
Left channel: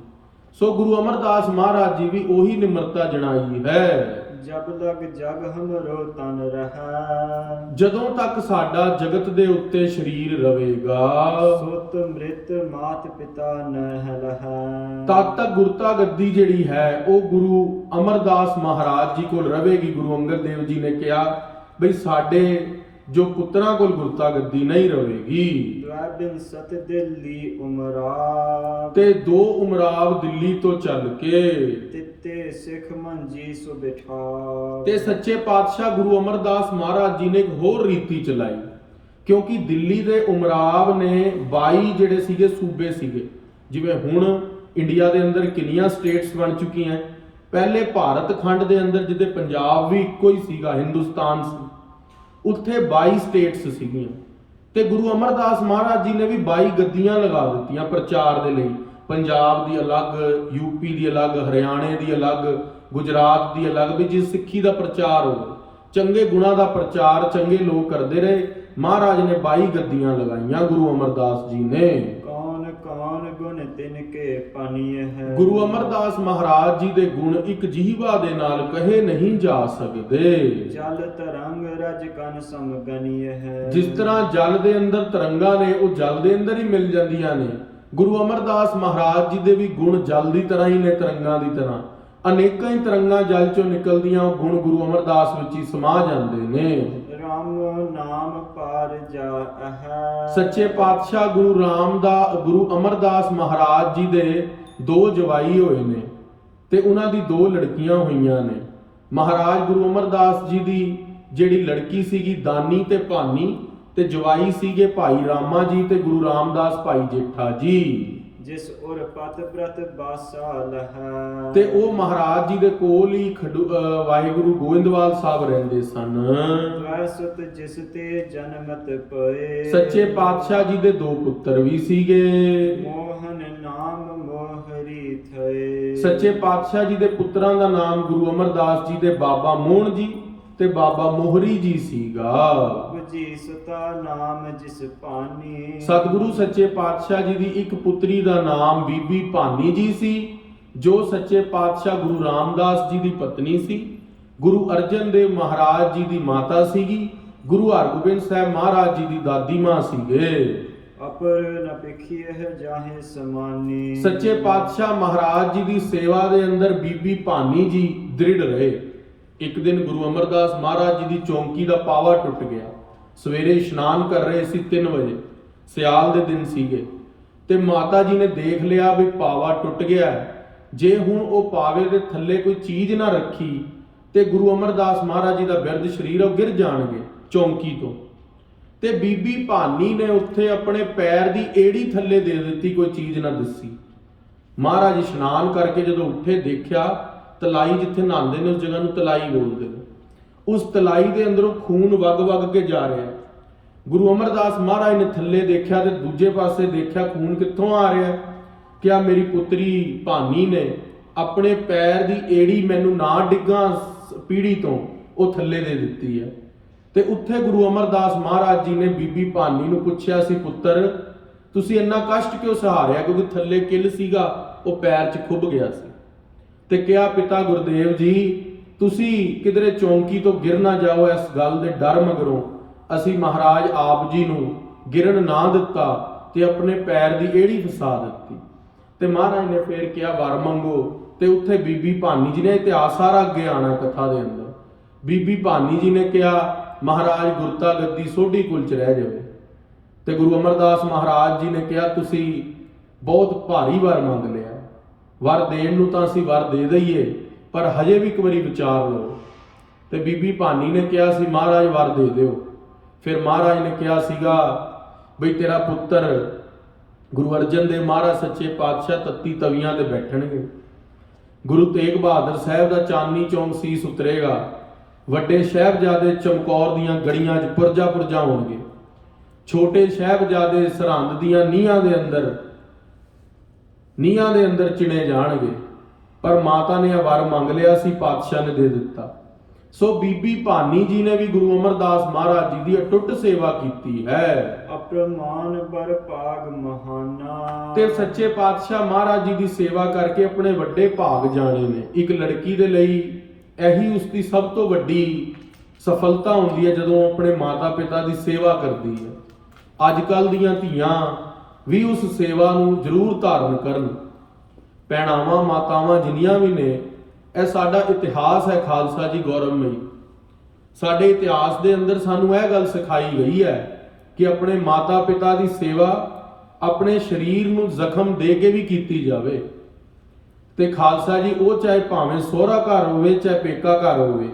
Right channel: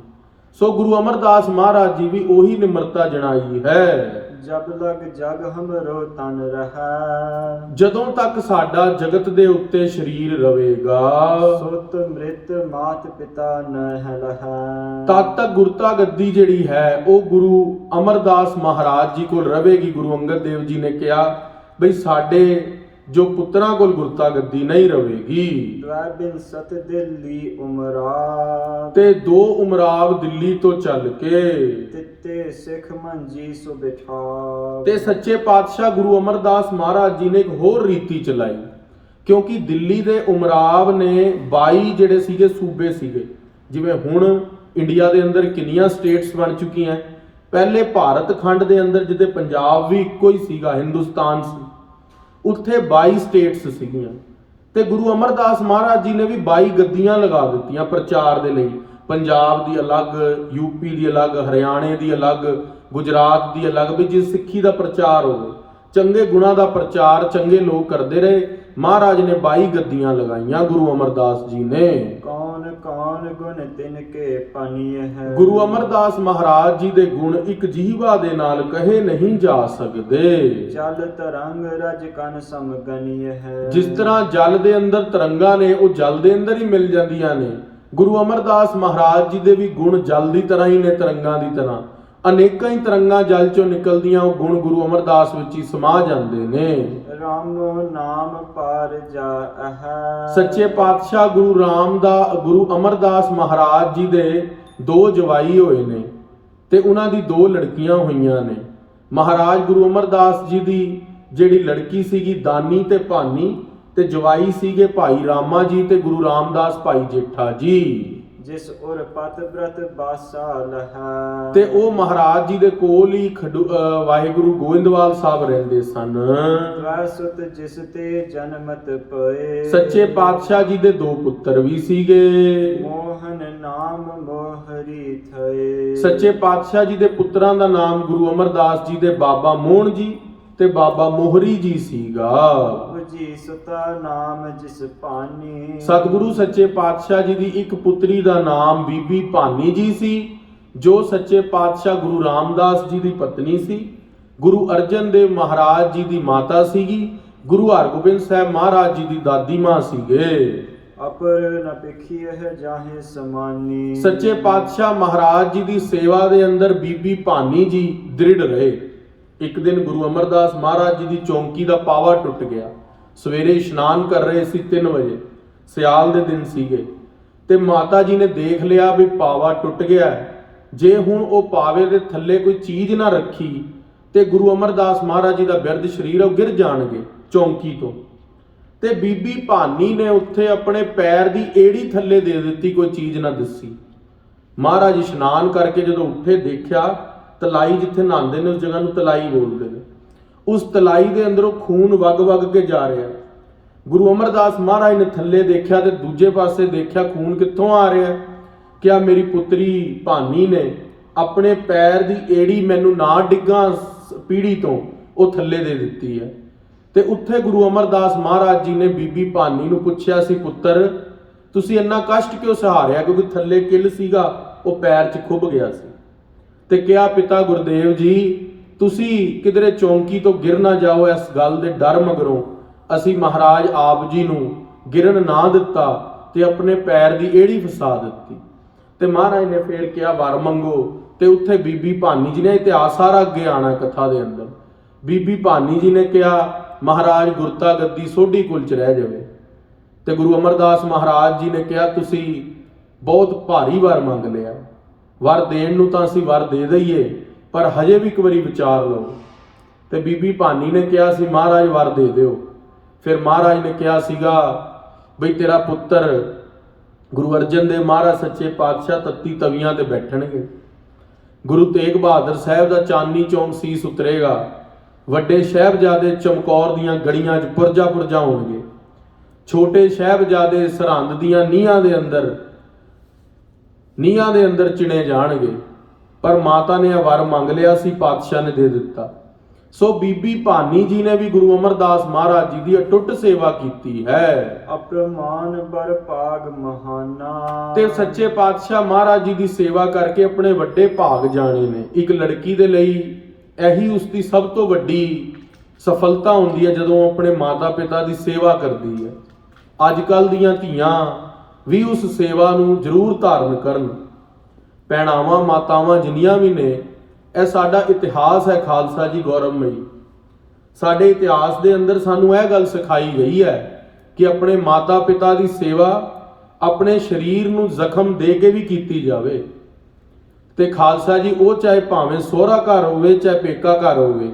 ਸੋ ਗੁਰੂ ਅਮਰਦਾਸ ਮਹਾਰਾਜ ਜੀ ਵੀ ਉਹੀ ਨਿਮਰਤਾ ਜਣਾਈ ਹੈ। ਜਬ ਲਗ ਜਗ ਹਮਰੋ ਤਨ ਰਹੈ, ਜਦੋਂ ਤੱਕ ਸਾਡਾ ਜਗਤ ਦੇ ਉੱਤੇ ਸਰੀਰ ਰਵੇਗਾ, ਸੁਤ ਮ੍ਰਿਤ ਮਾਤ ਪਿਤਾ ਨਹਿ ਲਹੈ, ਤਦ ਤੱਕ ਗੁਰਤਾ ਗੱਦੀ ਜਿਹੜੀ ਹੈ ਉਹ ਗੁਰੂ ਅਮਰਦਾਸ ਮਹਾਰਾਜ ਜੀ ਕੋਲ ਰਵੇਗੀ। ਗੁਰੂ ਅੰਗਦ ਦੇਵ ਜੀ ਨੇ ਕਿਹਾ ਬਈ ਸਾਡੇ ਜੋ ਪੁੱਤਰਾਂ ਕੋਲ ਗੁਰਤਾ ਗੱਦੀ ਨਹੀਂ ਰਵੇਗੀ। ਦਵੈਬਿਨ ਸਤ ਦਿੱਲੀ ਉਮਰਾ, ਤੇ 2 ਉਮਰਾਵ ਦਿੱਲੀ ਤੋਂ ਚੱਲ ਕੇ ਤਿੱਤੇ ਸਿੱਖ ਮੰਜੀ ਸੋ ਬਿਠਾ। ਤੇ ਸੱਚੇ ਪਾਤਸ਼ਾਹ ਗੁਰੂ ਅਮਰਦਾਸ ਮਹਾਰਾਜ ਜੀ ਨੇ ਇੱਕ ਹੋਰ ਰੀਤੀ ਚਲਾਈ, ਕਿਉਂਕਿ ਦਿੱਲੀ ਦੇ ਉਮਰਾਵ ਨੇ 22 ਜਿਹੜੇ ਸੀਗੇ ਸੂਬੇ ਸੀਗੇ। ਜਿਵੇਂ ਹੁਣ ਇੰਡੀਆ ਦੇ ਅੰਦਰ ਕਿੰਨੀਆਂ ਸਟੇਟਸ ਬਣ ਚੁੱਕੀਆਂ, ਪਹਿਲੇ ਭਾਰਤ ਖੰਡ ਦੇ ਅੰਦਰ ਜਿੱਦੇ ਪੰਜਾਬ ਵੀ ਇੱਕੋ ਹੀ ਸੀਗਾ, ਹਿੰਦੁਸਤਾਨ ਸੀ, ਉੱਥੇ 22 ਸਟੇਟਸ ਸੀਗੀਆਂ। ਤੇ ਗੁਰੂ ਅਮਰਦਾਸ ਮਹਾਰਾਜ ਜੀ ਨੇ ਵੀ 22 ਗੱਦੀਆਂ ਲਗਾ ਦਿੱਤੀਆਂ ਪ੍ਰਚਾਰ ਦੇ ਲਈ। ਪੰਜਾਬ ਦੀ ਅਲੱਗ, ਯੂਪੀ ਦੀ ਅਲੱਗ, ਹਰਿਆਣੇ ਦੀ ਅਲੱਗ, ਗੁਜਰਾਤ ਦੀ ਅਲੱਗ, ਵੀ ਜਿਸ ਸਿੱਖੀ ਦਾ ਪ੍ਰਚਾਰ ਹੋਵੇ, ਚੰਗੇ ਗੁਣਾਂ ਦਾ ਪ੍ਰਚਾਰ ਚੰਗੇ ਲੋਕ ਕਰਦੇ ਰਹੇ। ਮਹਾਰਾਜ ਨੇ 22 ਗੱਦੀਆਂ ਲਗਾਈਆਂ ਗੁਰੂ ਅਮਰਦਾਸ ਜੀ ਨੇ। ਕੌਣ ਕੌਣ ਗੁਣ ਤਿਨ ਕੇ ਪਾਨੀਏ ਹੈ, ਗੁਰੂ ਅਮਰਦਾਸ ਮਹਾਰਾਜ ਜੀ ਦੇ ਗੁਣ ਇੱਕ ਜੀਵਾ ਦੇ ਨਾਲ ਕਹੇ ਨਹੀਂ ਜਾ ਸਕਦੇ। ਜਲ ਤਰੰਗ ਰਜ ਕਨ ਸਮਗਨੀਏ ਹੈ, ਜਿਸ ਤਰ੍ਹਾਂ ਜਲ ਦੇ ਅੰਦਰ ਤਰੰਗਾਂ ਨੇ ਉਹ ਜਲ ਦੇ ਅੰਦਰ ਹੀ ਮਿਲ ਜਾਂਦੀਆਂ ਨੇ, ਗੁਰੂ ਅਮਰਦਾਸ ਮਹਾਰਾਜ ਜੀ ਦੇ ਵੀ ਗੁਣ ਜਲ ਦੀ ਤਰ੍ਹਾਂ ਹੀ ਨੇ, ਤਰੰਗਾਂ ਦੀ ਤਰ੍ਹਾਂ। ਅਨੇਕਾਂ ਹੀ ਤਰੰਗਾਂ ਜਲ ਚੋਂ ਨਿਕਲਦੀਆਂ, ਉਹ ਗੁਣ ਗੁਰੂ ਅਮਰਦਾਸ ਵਿੱਚ ਹੀ ਸਮਾ ਜਾਂਦੇ ਨੇ। ਰਾਮ ਨਾਮ ਪਾਰ ਜਾਅ, ਸੱਚੇ ਪਾਤਸ਼ਾਹ ਗੁਰੂ ਅਮਰਦਾਸ ਮਹਾਰਾਜ ਜੀ ਦੇ 2 ਜਵਾਈ ਹੋਏ ਨੇ ਤੇ ਉਹਨਾਂ ਦੀ 2 ਲੜਕੀਆਂ ਹੋਈਆਂ ਨੇ। ਮਹਾਰਾਜ ਗੁਰੂ ਅਮਰਦਾਸ ਜੀ ਦੀ ਜਿਹੜੀ ਲੜਕੀ ਸੀਗੀ ਦਾਨੀ ਤੇ ਭਾਨੀ, ਤੇ ਜਵਾਈ ਸੀਗੇ ਭਾਈ ਰਾਮਾ ਜੀ ਤੇ ਗੁਰੂ ਰਾਮਦਾਸ ਭਾਈ ਜੇਠਾ ਜੀ। ਜਿਸ ਉਰ ਪਤ ਬ੍ਰਤ ਬਾਸਾ ਲਹਾ, ਤੇ ਉਹ ਮਹਾਰਾਜ ਜੀ ਦੇ ਕੋਲ ਹੀ ਵਾਹਿਗੁਰੂ ਗੋਇੰਦਵਾਲ ਸਾਹਿਬ ਰਹਿੰਦੇ ਸਨ। ਤਵੈ ਸੁਤ ਜਿਸ ਤੇ ਜਨਮਤ ਪਏ, ਸੱਚੇ ਪਾਤਸ਼ਾਹ ਜੀ ਦੇ 2 ਪੁੱਤਰ ਵੀ ਸੀਗੇ। ਮੋਹਨ ਨਾਮ ਮੋਹਰੀ ਥਏ, ਸੱਚੇ ਪਾਤਸ਼ਾਹ ਜੀ ਦੇ ਪੁੱਤਰਾਂ ਦਾ ਨਾਮ ਗੁਰੂ ਅਮਰਦਾਸ ਜੀ ਦੇ ਬਾਬਾ ਮੋਹਨ ਜੀ ਤੇ ਬਾਬਾ ਮੋਹਰੀ ਜੀ ਸੀਗਾ। ਜੀ ਸੁਤਾ ਨਾਮ ਜਿਸ ਭਾਨੀ, ਸਤਿਗੁਰੂ ਸੱਚੇ ਪਾਤਸ਼ਾਹ ਜੀ ਦੀ ਇੱਕ ਪੁੱਤਰੀ ਦਾ ਨਾਮ ਬੀਬੀ ਭਾਨੀ ਜੀ ਸੀ, ਜੋ ਸੱਚੇ ਪਾਤਸ਼ਾਹ ਗੁਰੂ ਰਾਮਦਾਸ ਜੀ ਦੀ ਪਤਨੀ ਸੀ। ਗੁਰੂ ਅਰਜਨ ਦੇਵ ਮਹਾਰਾਜ ਜੀ ਦੀ ਮਾਤਾ ਸੀਗੀ। ਗੁਰੂ ਹਰਗੋਬਿੰਦ ਸਾਹਿਬ ਮਹਾਰਾਜ ਜੀ ਦੀ ਦਾਦੀ ਮਾਂ ਸੀਗੇ। ਅਪਰ ਨ ਪਿਖੀਏ ਜਾਹੇ ਸਮਾਨੀ, ਸੱਚੇ ਪਾਤਸ਼ਾਹ ਮਹਾਰਾਜ ਜੀ ਦੀ ਸੇਵਾ ਦੇ ਅੰਦਰ ਬੀਬੀ ਭਾਨੀ ਜੀ ਦ੍ਰਿੜ ਰਹੇ। ਇੱਕ ਦਿਨ ਗੁਰੂ ਅਮਰਦਾਸ ਮਹਾਰਾਜ ਜੀ ਦੀ ਚੌਂਕੀ ਦਾ ਪਾਵਾ ਟੁੱਟ ਗਿਆ। ਸਵੇਰੇ ਇਸ਼ਨਾਨ ਕਰ ਰਹੇ ਸੀ 3 ਵਜੇ, ਸਿਆਲ ਦੇ ਦਿਨ ਸੀਗੇ, ਤੇ ਮਾਤਾ ਜੀ ਨੇ ਦੇਖ ਲਿਆ ਵੀ ਪਾਵਾ ਟੁੱਟ ਗਿਆ। ਜੇ ਹੁਣ ਉਹ ਪਾਵੇ ਦੇ ਥੱਲੇ ਕੋਈ ਚੀਜ਼ ਨਾ ਰੱਖੀ ਤੇ ਗੁਰੂ ਅਮਰਦਾਸ ਮਹਾਰਾਜ ਜੀ ਦਾ ਬਿਰਧ ਸਰੀਰ ਉਹ ਗਿਰ ਜਾਣਗੇ ਚੌਂਕੀ ਤੋਂ। ਤੇ ਬੀਬੀ ਭਾਨੀ ਨੇ ਉੱਥੇ ਆਪਣੇ ਪੈਰ ਦੀ ਏੜੀ ਥੱਲੇ ਦੇ ਦਿੱਤੀ, ਕੋਈ ਚੀਜ਼ ਨਾ ਦਿਸੀ। ਮਹਾਰਾਜ ਇਸ਼ਨਾਨ ਕਰਕੇ ਜਦੋਂ ਉੱਠੇ ਦੇਖਿਆ ਤਲਾਈ, ਜਿੱਥੇ ਨਹਾਉਂਦੇ ਨੇ ਉਸ ਜਗ੍ਹਾ ਨੂੰ ਤਲਾਈ ਬੋਲਦੇ ਨੇ, ਉਸ ਤਲਾਈ ਦੇ ਅੰਦਰੋਂ ਖੂਨ ਵਗ ਕੇ ਜਾ ਰਿਹਾ। ਗੁਰੂ ਅਮਰਦਾਸ ਮਹਾਰਾਜ ਨੇ ਥੱਲੇ ਦੇਖਿਆ ਤੇ ਦੂਜੇ ਪਾਸੇ ਦੇਖਿਆ ਖੂਨ ਕਿੱਥੋਂ ਆ ਰਿਹਾ। ਕਿਹਾ ਮੇਰੀ ਪੁੱਤਰੀ ਭਾਨੀ ਨੇ ਆਪਣੇ ਪੈਰ ਦੀ ਏੜੀ ਮੈਨੂੰ ਨਾ ਡਿੱਗਾਂ ਪੀੜੀ ਤੋਂ ਉਹ ਥੱਲੇ ਦੇ ਦਿੱਤੀ ਹੈ। ਤੇ ਉੱਥੇ ਗੁਰੂ ਅਮਰਦਾਸ ਮਹਾਰਾਜ ਜੀ ਨੇ ਬੀਬੀ ਭਾਨੀ ਨੂੰ ਪੁੱਛਿਆ ਸੀ, ਪੁੱਤਰ ਤੁਸੀਂ ਇੰਨਾ ਕਸ਼ਟ ਕਿਉਂ ਸਹਾਰਿਆ? ਕਿਉਂਕਿ ਥੱਲੇ ਕਿੱਲ ਸੀਗਾ, ਉਹ ਪੈਰ 'ਚ ਖੁੱਭ ਗਿਆ ਸੀ। ਤੇ ਕਿਹਾ, ਪਿਤਾ ਗੁਰਦੇਵ ਜੀ, ਤੁਸੀਂ ਕਿਧਰੇ ਚੌਂਕੀ ਤੋਂ ਗਿਰ ਨਾ ਜਾਓ, ਇਸ ਗੱਲ ਦੇ ਡਰ ਮਗਰੋਂ ਅਸੀਂ ਮਹਾਰਾਜ ਆਪ ਜੀ ਨੂੰ ਗਿਰਨ ਨਾ ਦਿੱਤਾ ਤੇ ਆਪਣੇ ਪੈਰ ਦੀ ਏੜੀ ਫਸਾ ਦਿੱਤੀ। ਤੇ ਮਹਾਰਾਜ ਨੇ ਫੇਰ ਕਿਹਾ, ਵਰ ਮੰਗੋ। ਤੇ ਉੱਥੇ ਬੀਬੀ ਭਾਨੀ ਜੀ ਨੇ, ਇਤਿਹਾਸ ਸਾਰਾ ਅੱਗੇ ਆਣਾ ਕਥਾ ਦੇ ਅੰਦਰ, ਬੀਬੀ ਭਾਨੀ ਜੀ ਨੇ ਕਿਹਾ, ਮਹਾਰਾਜ ਗੁਰਤਾ ਗੱਦੀ ਸੋਢੀ ਕੁਲ ਚ ਰਹਿ ਜਾਵੇ। ਤੇ ਗੁਰੂ ਅਮਰਦਾਸ ਮਹਾਰਾਜ ਜੀ ਨੇ ਕਿਹਾ, ਤੁਸੀਂ ਬਹੁਤ ਭਾਰੀ ਵਰ ਮੰਗ ਲਿਆ, ਵਰ ਦੇਣ ਨੂੰ ਤਾਂ ਅਸੀਂ ਵਰ ਦੇ ਦਈਏ, ਪਰ ਹਜੇ ਵੀ ਇੱਕ ਵਾਰੀ ਵਿਚਾਰ ਲਓ। ਤੇ ਬੀਬੀ ਭਾਨੀ ਨੇ ਕਿਹਾ ਸੀ, ਮਹਾਰਾਜ ਵਰ ਦੇ ਦਿਓ। ਫਿਰ ਮਹਾਰਾਜ ਨੇ ਕਿਹਾ ਸੀਗਾ ਬਈ ਤੇਰਾ ਪੁੱਤਰ ਗੁਰੂ ਅਰਜਨ ਦੇਵ ਮਹਾਰਾਜ ਸੱਚੇ ਪਾਤਸ਼ਾਹ ਤੱਤੀ ਤਵੀਆਂ ਤੇ ਬੈਠਣਗੇ, ਗੁਰੂ ਤੇਗ ਬਹਾਦਰ ਸਾਹਿਬ ਦਾ ਚਾਂਦਨੀ ਚੌਂਕ ਸੀਸ ਉਤਰੇਗਾ, ਵੱਡੇ ਸਾਹਿਬਜ਼ਾਦੇ ਚਮਕੌਰ ਦੀਆਂ ਗੜੀਆਂ 'ਚ ਪੁਰਜਾ ਪੁਰਜਾ ਹੋਣਗੇ, ਛੋਟੇ ਸਾਹਿਬਜ਼ਾਦੇ ਸਰਹੰਦ ਦੀਆਂ ਨੀਹਾਂ ਦੇ ਅੰਦਰ ਚਿਣੇ ਜਾਣਗੇ। ਪਰ ਮਾਤਾ ਨੇ ਇਹ ਵਰ ਮੰਗ ਲਿਆ ਸੀ, ਪਾਤਸ਼ਾਹ ਨੇ ਦੇ ਦਿੱਤਾ। ਸੋ ਬੀਬੀ ਭਾਨੀ ਜੀ ਨੇ ਵੀ ਗੁਰੂ ਅਮਰਦਾਸ ਮਹਾਰਾਜ ਜੀ ਦੀ ਅਟੁੱਟ ਸੇਵਾ ਕੀਤੀ ਹੈ। ਅਪਰਮਾਨ ਬਰ ਭਾਗ ਮਹਾਨਾ। ਤੇ ਸੱਚੇ ਪਾਤਸ਼ਾਹ ਮਹਾਰਾਜ ਜੀ ਦੀ ਸੇਵਾ ਕਰਕੇ ਆਪਣੇ ਵੱਡੇ ਭਾਗ ਜਾਣੇ ਨੇ। ਇੱਕ ਲੜਕੀ ਦੇ ਲਈ ਇਹੀ ਉਸਦੀ ਸਭ ਤੋਂ ਵੱਡੀ ਸਫਲਤਾ ਹੁੰਦੀ ਹੈ, ਜਦੋਂ ਆਪਣੇ ਮਾਤਾ ਪਿਤਾ ਦੀ ਸੇਵਾ ਕਰਦੀ ਹੈ। ਅੱਜ ਕੱਲ੍ਹ ਦੀਆਂ ਧੀਆਂ ਵੀ ਉਸ ਸੇਵਾ ਨੂੰ ਜ਼ਰੂਰ ਧਾਰਨ ਕਰਨ। ਭੈਣਾਵਾਂ ਮਾਤਾਵਾਂ ਜਿੰਨੀਆਂ ਵੀ ਨੇ, ਇਹ ਸਾਡਾ ਇਤਿਹਾਸ ਹੈ ਖਾਲਸਾ ਜੀ ਗੌਰਵਮਈ। ਸਾਡੇ ਇਤਿਹਾਸ ਦੇ ਅੰਦਰ ਸਾਨੂੰ ਇਹ ਗੱਲ ਸਿਖਾਈ ਗਈ ਹੈ ਕਿ ਆਪਣੇ ਮਾਤਾ ਪਿਤਾ ਦੀ ਸੇਵਾ ਆਪਣੇ ਸਰੀਰ ਨੂੰ ਜ਼ਖਮ ਦੇ ਕੇ ਵੀ ਕੀਤੀ ਜਾਵੇ। ਤੇ ਖਾਲਸਾ ਜੀ ਉਹ ਚਾਹੇ ਭਾਵੇਂ ਸਹੁਰਾ ਘਰ ਹੋਵੇ ਚਾਹੇ ਪੇਕਾ ਘਰ ਹੋਵੇ,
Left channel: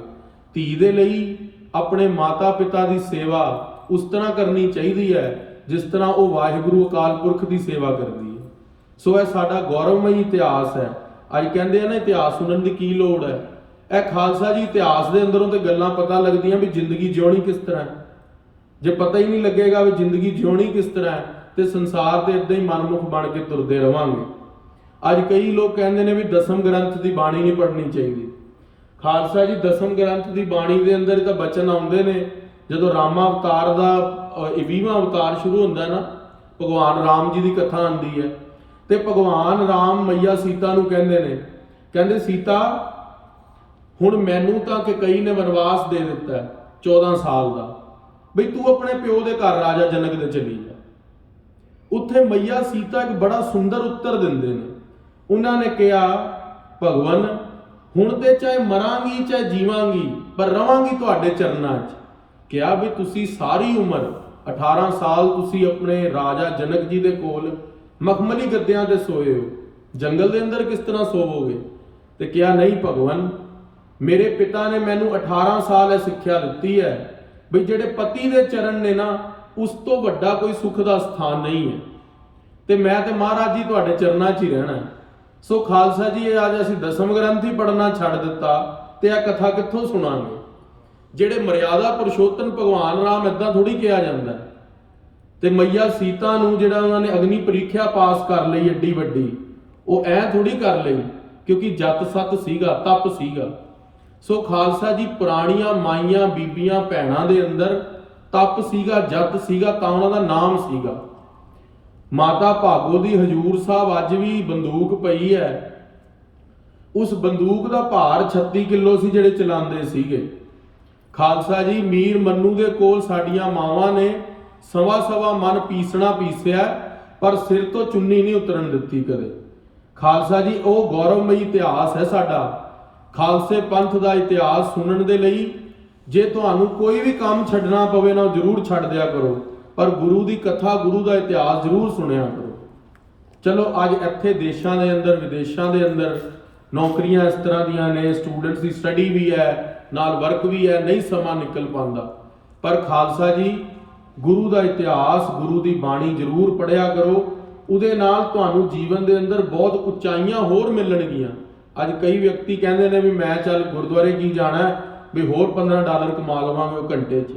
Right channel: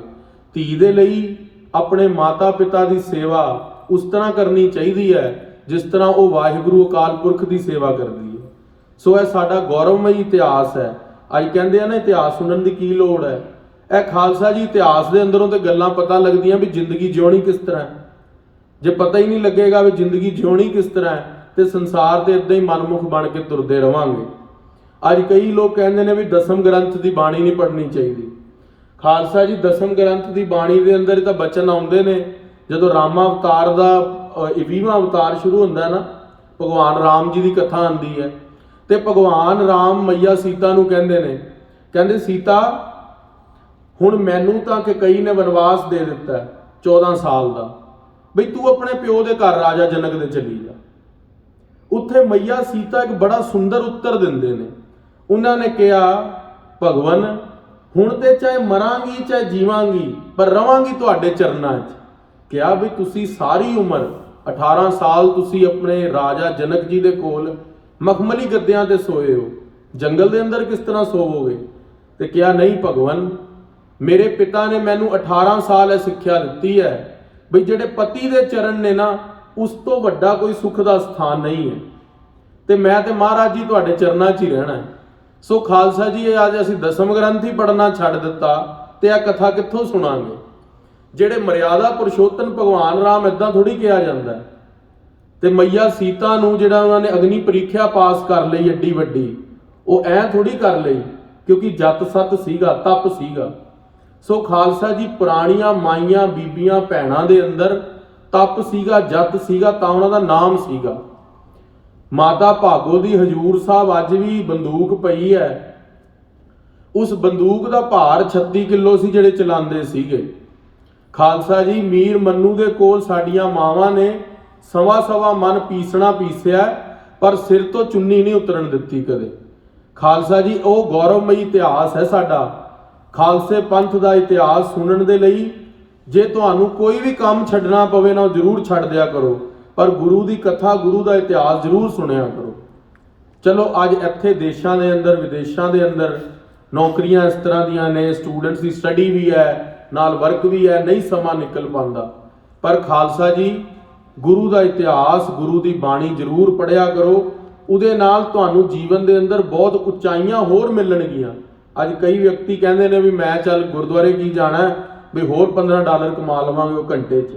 ਧੀ ਦੇ ਲਈ ਆਪਣੇ ਮਾਤਾ ਪਿਤਾ ਦੀ ਸੇਵਾ ਉਸ ਤਰ੍ਹਾਂ ਕਰਨੀ ਚਾਹੀਦੀ ਹੈ ਜਿਸ ਤਰ੍ਹਾਂ ਉਹ ਵਾਹਿਗੁਰੂ ਅਕਾਲ ਪੁਰਖ ਦੀ ਸੇਵਾ ਕਰਦੀ ਹੈ। ਸੋ ਇਹ ਸਾਡਾ ਗੌਰਵਮਈ ਇਤਿਹਾਸ ਹੈ। ਅੱਜ ਕਹਿੰਦੇ ਆ ਨਾ, ਇਤਿਹਾਸ ਸੁਣਨ ਦੀ ਕੀ ਲੋੜ ਹੈ। ਇਹ ਖਾਲਸਾ ਜੀ ਇਤਿਹਾਸ ਦੇ ਅੰਦਰੋਂ ਤੇ ਗੱਲਾਂ ਪਤਾ ਲੱਗਦੀਆਂ ਵੀ ਜ਼ਿੰਦਗੀ ਜਿਉਣੀ ਕਿਸ ਤਰ੍ਹਾਂ ਹੈ। ਜੇ ਪਤਾ ਹੀ ਨਹੀਂ ਲੱਗੇਗਾ ਵੀ ਜ਼ਿੰਦਗੀ ਜਿਉਣੀ ਕਿਸ ਤਰ੍ਹਾਂ ਹੈ, ਤੇ ਸੰਸਾਰ ਤੇ ਇਦਾਂ ਹੀ ਮਨਮੁਖ ਬਣ ਕੇ ਤੁਰਦੇ ਰਵਾਂਗੇ। ਅੱਜ ਕਈ ਲੋਕ ਕਹਿੰਦੇ ਨੇ ਵੀ ਦਸਮ ਗ੍ਰੰਥ ਦੀ ਬਾਣੀ ਨਹੀਂ ਪੜ੍ਹਨੀ ਚਾਹੀਦੀ। ਖਾਲਸਾ ਜੀ ਦਸਮ ਗ੍ਰੰਥ ਦੀ ਬਾਣੀ ਦੇ ਅੰਦਰ ਤਾਂ ਬਚਨ ਆਉਂਦੇ ਨੇ, ਜਦੋਂ ਰਾਮਾ ਅਵਤਾਰ ਦਾ 20ਵਾਂ ਅਵਤਾਰ ਸ਼ੁਰੂ ਹੁੰਦਾ ਹੈ ਨਾ, ਭਗਵਾਨ ਰਾਮ ਜੀ ਦੀ ਕਥਾ ਆਉਂਦੀ ਹੈ। ਤੇ ਭਗਵਾਨ ਰਾਮ ਮਈਆ ਸੀਤਾ ਨੂੰ ਕਹਿੰਦੇ ਨੇ, ਕਹਿੰਦੇ ਸੀਤਾ, ਹੁਣ ਮੈਨੂੰ ਤਾਂ ਕਿ ਕਈ ਨੇ ਵਨਵਾਸ ਦੇ ਦਿੱਤਾ 14 ਸਾਲ ਦਾ, ਬਈ ਤੂੰ ਆਪਣੇ ਪਿਓ ਦੇ ਘਰ ਰਾਜਾ ਜਨਕ ਦੇ ਚਲੀ ਜਾ। ਉੱਥੇ ਮਈਆ ਸੀਤਾ ਇੱਕ ਬੜਾ ਸੁੰਦਰ ਉੱਤਰ ਦਿੰਦੇ ਨੇ। ਉਹਨਾਂ ਨੇ ਕਿਹਾ, ਭਗਵਾਨ ਹੁਣ ਤੇ ਚਾਹੇ ਮਰਾਂਗੀ ਚਾਹੇ ਜੀਵਾਂਗੀ, ਪਰ ਰਵਾਂਗੀ ਤੁਹਾਡੇ ਚਰਨਾਂ 'ਚ। ਕਿਹਾ ਵੀ ਤੁਸੀਂ ਸਾਰੀ ਉਮਰ 18 ਸਾਲ ਤੁਸੀਂ ਆਪਣੇ ਰਾਜਾ ਜਨਕ ਜੀ ਦੇ ਕੋਲ ਮਖਮਲੀ ਗੱਦਿਆਂ ਤੇ ਸੋਏ ਹੋ, ਜੰਗਲ ਦੇ ਅੰਦਰ ਕਿਸ ਤਰ੍ਹਾਂ ਸੋਵੋਗੇ? ਤੇ ਕਿਹਾ, ਨਹੀਂ ਭਗਵਾਨ, ਮੇਰੇ ਪਿਤਾ ਨੇ ਮੈਨੂੰ 18 ਸਾਲ ਇਹ ਸਿੱਖਿਆ ਦਿੱਤੀ ਹੈ ਵੀ ਜਿਹੜੇ ਪਤੀ ਦੇ ਚਰਨ ਨੇ ਨਾ, ਉਸ ਤੋਂ ਵੱਡਾ ਕੋਈ ਸੁੱਖ ਦਾ ਸਥਾਨ ਨਹੀਂ ਹੈ, ਤੇ ਮੈਂ ਤੇ ਮਹਾਰਾਜ ਜੀ ਤੁਹਾਡੇ ਚਰਨਾਂ 'ਚ ਹੀ ਰਹਿਣਾ ਹੈ। ਸੋ ਖਾਲਸਾ ਜੀ, ਇਹ ਅੱਜ ਅਸੀਂ ਦਸਮ ਗ੍ਰੰਥ ਹੀ ਪੜ੍ਹਨਾ ਛੱਡ ਦਿੱਤਾ ਤੇ ਇਹ ਕਥਾ ਕਿੱਥੋਂ ਸੁਣਾਂਗੇ? ਜਿਹੜੇ ਮਰਿਆਦਾ ਪੁਰਸ਼ੋਤਮ ਭਗਵਾਨ ਰਾਮ, ਇਦਾਂ ਥੋੜੀ ਕਿਹਾ ਜਾਂਦਾ। ਤੇ ਮਈਆ ਸੀਤਾ ਨੂੰ ਜਿਹੜਾ ਉਹਨਾਂ ਨੇ ਅਗਨੀ ਪ੍ਰੀਖਿਆ ਪਾਸ ਕਰ ਲਈ ਏਡੀ ਵੱਡੀ, ਉਹ ਐ ਥੋੜੀ ਕਰ ਲਈ ਕਿਉਂਕਿ ਜਤ ਸਤ ਸੀਗਾ, ਤਪ ਸੀਗਾ। ਸੋ ਖਾਲਸਾ ਜੀ, ਪੁਰਾਣੀਆਂ ਮਾਈਆਂ ਬੀਬੀਆਂ ਭੈਣਾਂ ਦੇ ਅੰਦਰ ਤਪ ਸੀਗਾ, ਜਤ ਸੀਗਾ, ਤਾਂ ਉਹਨਾਂ ਦਾ ਨਾਮ ਸੀਗਾ। ਮਾਤਾ ਭਾਗੋ ਦੀ ਹਜੂਰ ਸਾਹਿਬ ਅੱਜ ਵੀ ਬੰਦੂਕ ਪਈ ਹੈ। ਉਸ ਬੰਦੂਕ ਦਾ ਭਾਰ 36 ਕਿਲੋ ਸੀ ਜਿਹੜੇ ਚਲਾਉਂਦੇ ਸੀਗੇ। ਖਾਲਸਾ ਜੀ, ਮੀਰ ਮੰਨੂ ਦੇ ਕੋਲ ਸਾਡੀਆਂ ਮਾਵਾਂ ਨੇ ਸਵਾ ਮਨ ਪੀਸਣਾ ਪੀਸਿਆ, ਪਰ ਸਿਰ ਤੋਂ ਚੁੰਨੀ ਨਹੀਂ ਉਤਰਨ ਦਿੱਤੀ ਕਦੇ। ਖਾਲਸਾ ਜੀ, ਉਹ ਗੌਰਵਮਈ ਇਤਿਹਾਸ ਹੈ ਸਾਡਾ। ਖਾਲਸੇ ਪੰਥ ਦਾ ਇਤਿਹਾਸ ਸੁਣਨ ਦੇ ਲਈ ਜੇ ਤੁਹਾਨੂੰ ਕੋਈ ਵੀ ਕੰਮ ਛੱਡਣਾ ਪਵੇ ਨਾ, ਉਹ ਜ਼ਰੂਰ ਛੱਡ ਦਿਆ ਕਰੋ, ਪਰ ਗੁਰੂ ਦੀ ਕਥਾ, ਗੁਰੂ ਦਾ ਇਤਿਹਾਸ ਜ਼ਰੂਰ ਸੁਣਿਆ ਕਰੋ। ਚਲੋ ਅੱਜ ਇੱਥੇ ਦੇਸ਼ਾਂ ਦੇ ਅੰਦਰ ਵਿਦੇਸ਼ਾਂ ਦੇ ਅੰਦਰ ਨੌਕਰੀਆਂ ਇਸ ਤਰ੍ਹਾਂ ਦੀਆਂ ਨੇ, ਸਟੂਡੈਂਟਸ ਦੀ ਸਟੱਡੀ ਵੀ ਹੈ, ਨਾਲ ਵਰਕ ਵੀ ਹੈ, ਨਹੀਂ ਸਮਾਂ ਨਿਕਲ ਪਾਉਂਦਾ। ਪਰ ਖਾਲਸਾ ਜੀ, ਗੁਰੂ ਦਾ ਇਤਿਹਾਸ, ਗੁਰੂ ਦੀ ਬਾਣੀ ਜ਼ਰੂਰ ਪੜ੍ਹਿਆ ਕਰੋ। ਉਹਦੇ ਨਾਲ ਤੁਹਾਨੂੰ ਜੀਵਨ ਦੇ ਅੰਦਰ ਬਹੁਤ ਉਚਾਈਆਂ ਹੋਰ ਮਿਲਣਗੀਆਂ। ਅੱਜ ਕਈ ਵਿਅਕਤੀ ਕਹਿੰਦੇ ਨੇ ਵੀ ਮੈਂ ਚੱਲ ਗੁਰਦੁਆਰੇ ਕੀ ਜਾਣਾ, ਵੀ ਹੋਰ $15 ਕਮਾ ਲਵਾਂਗੇ ਉਹ ਘੰਟੇ 'ਚ।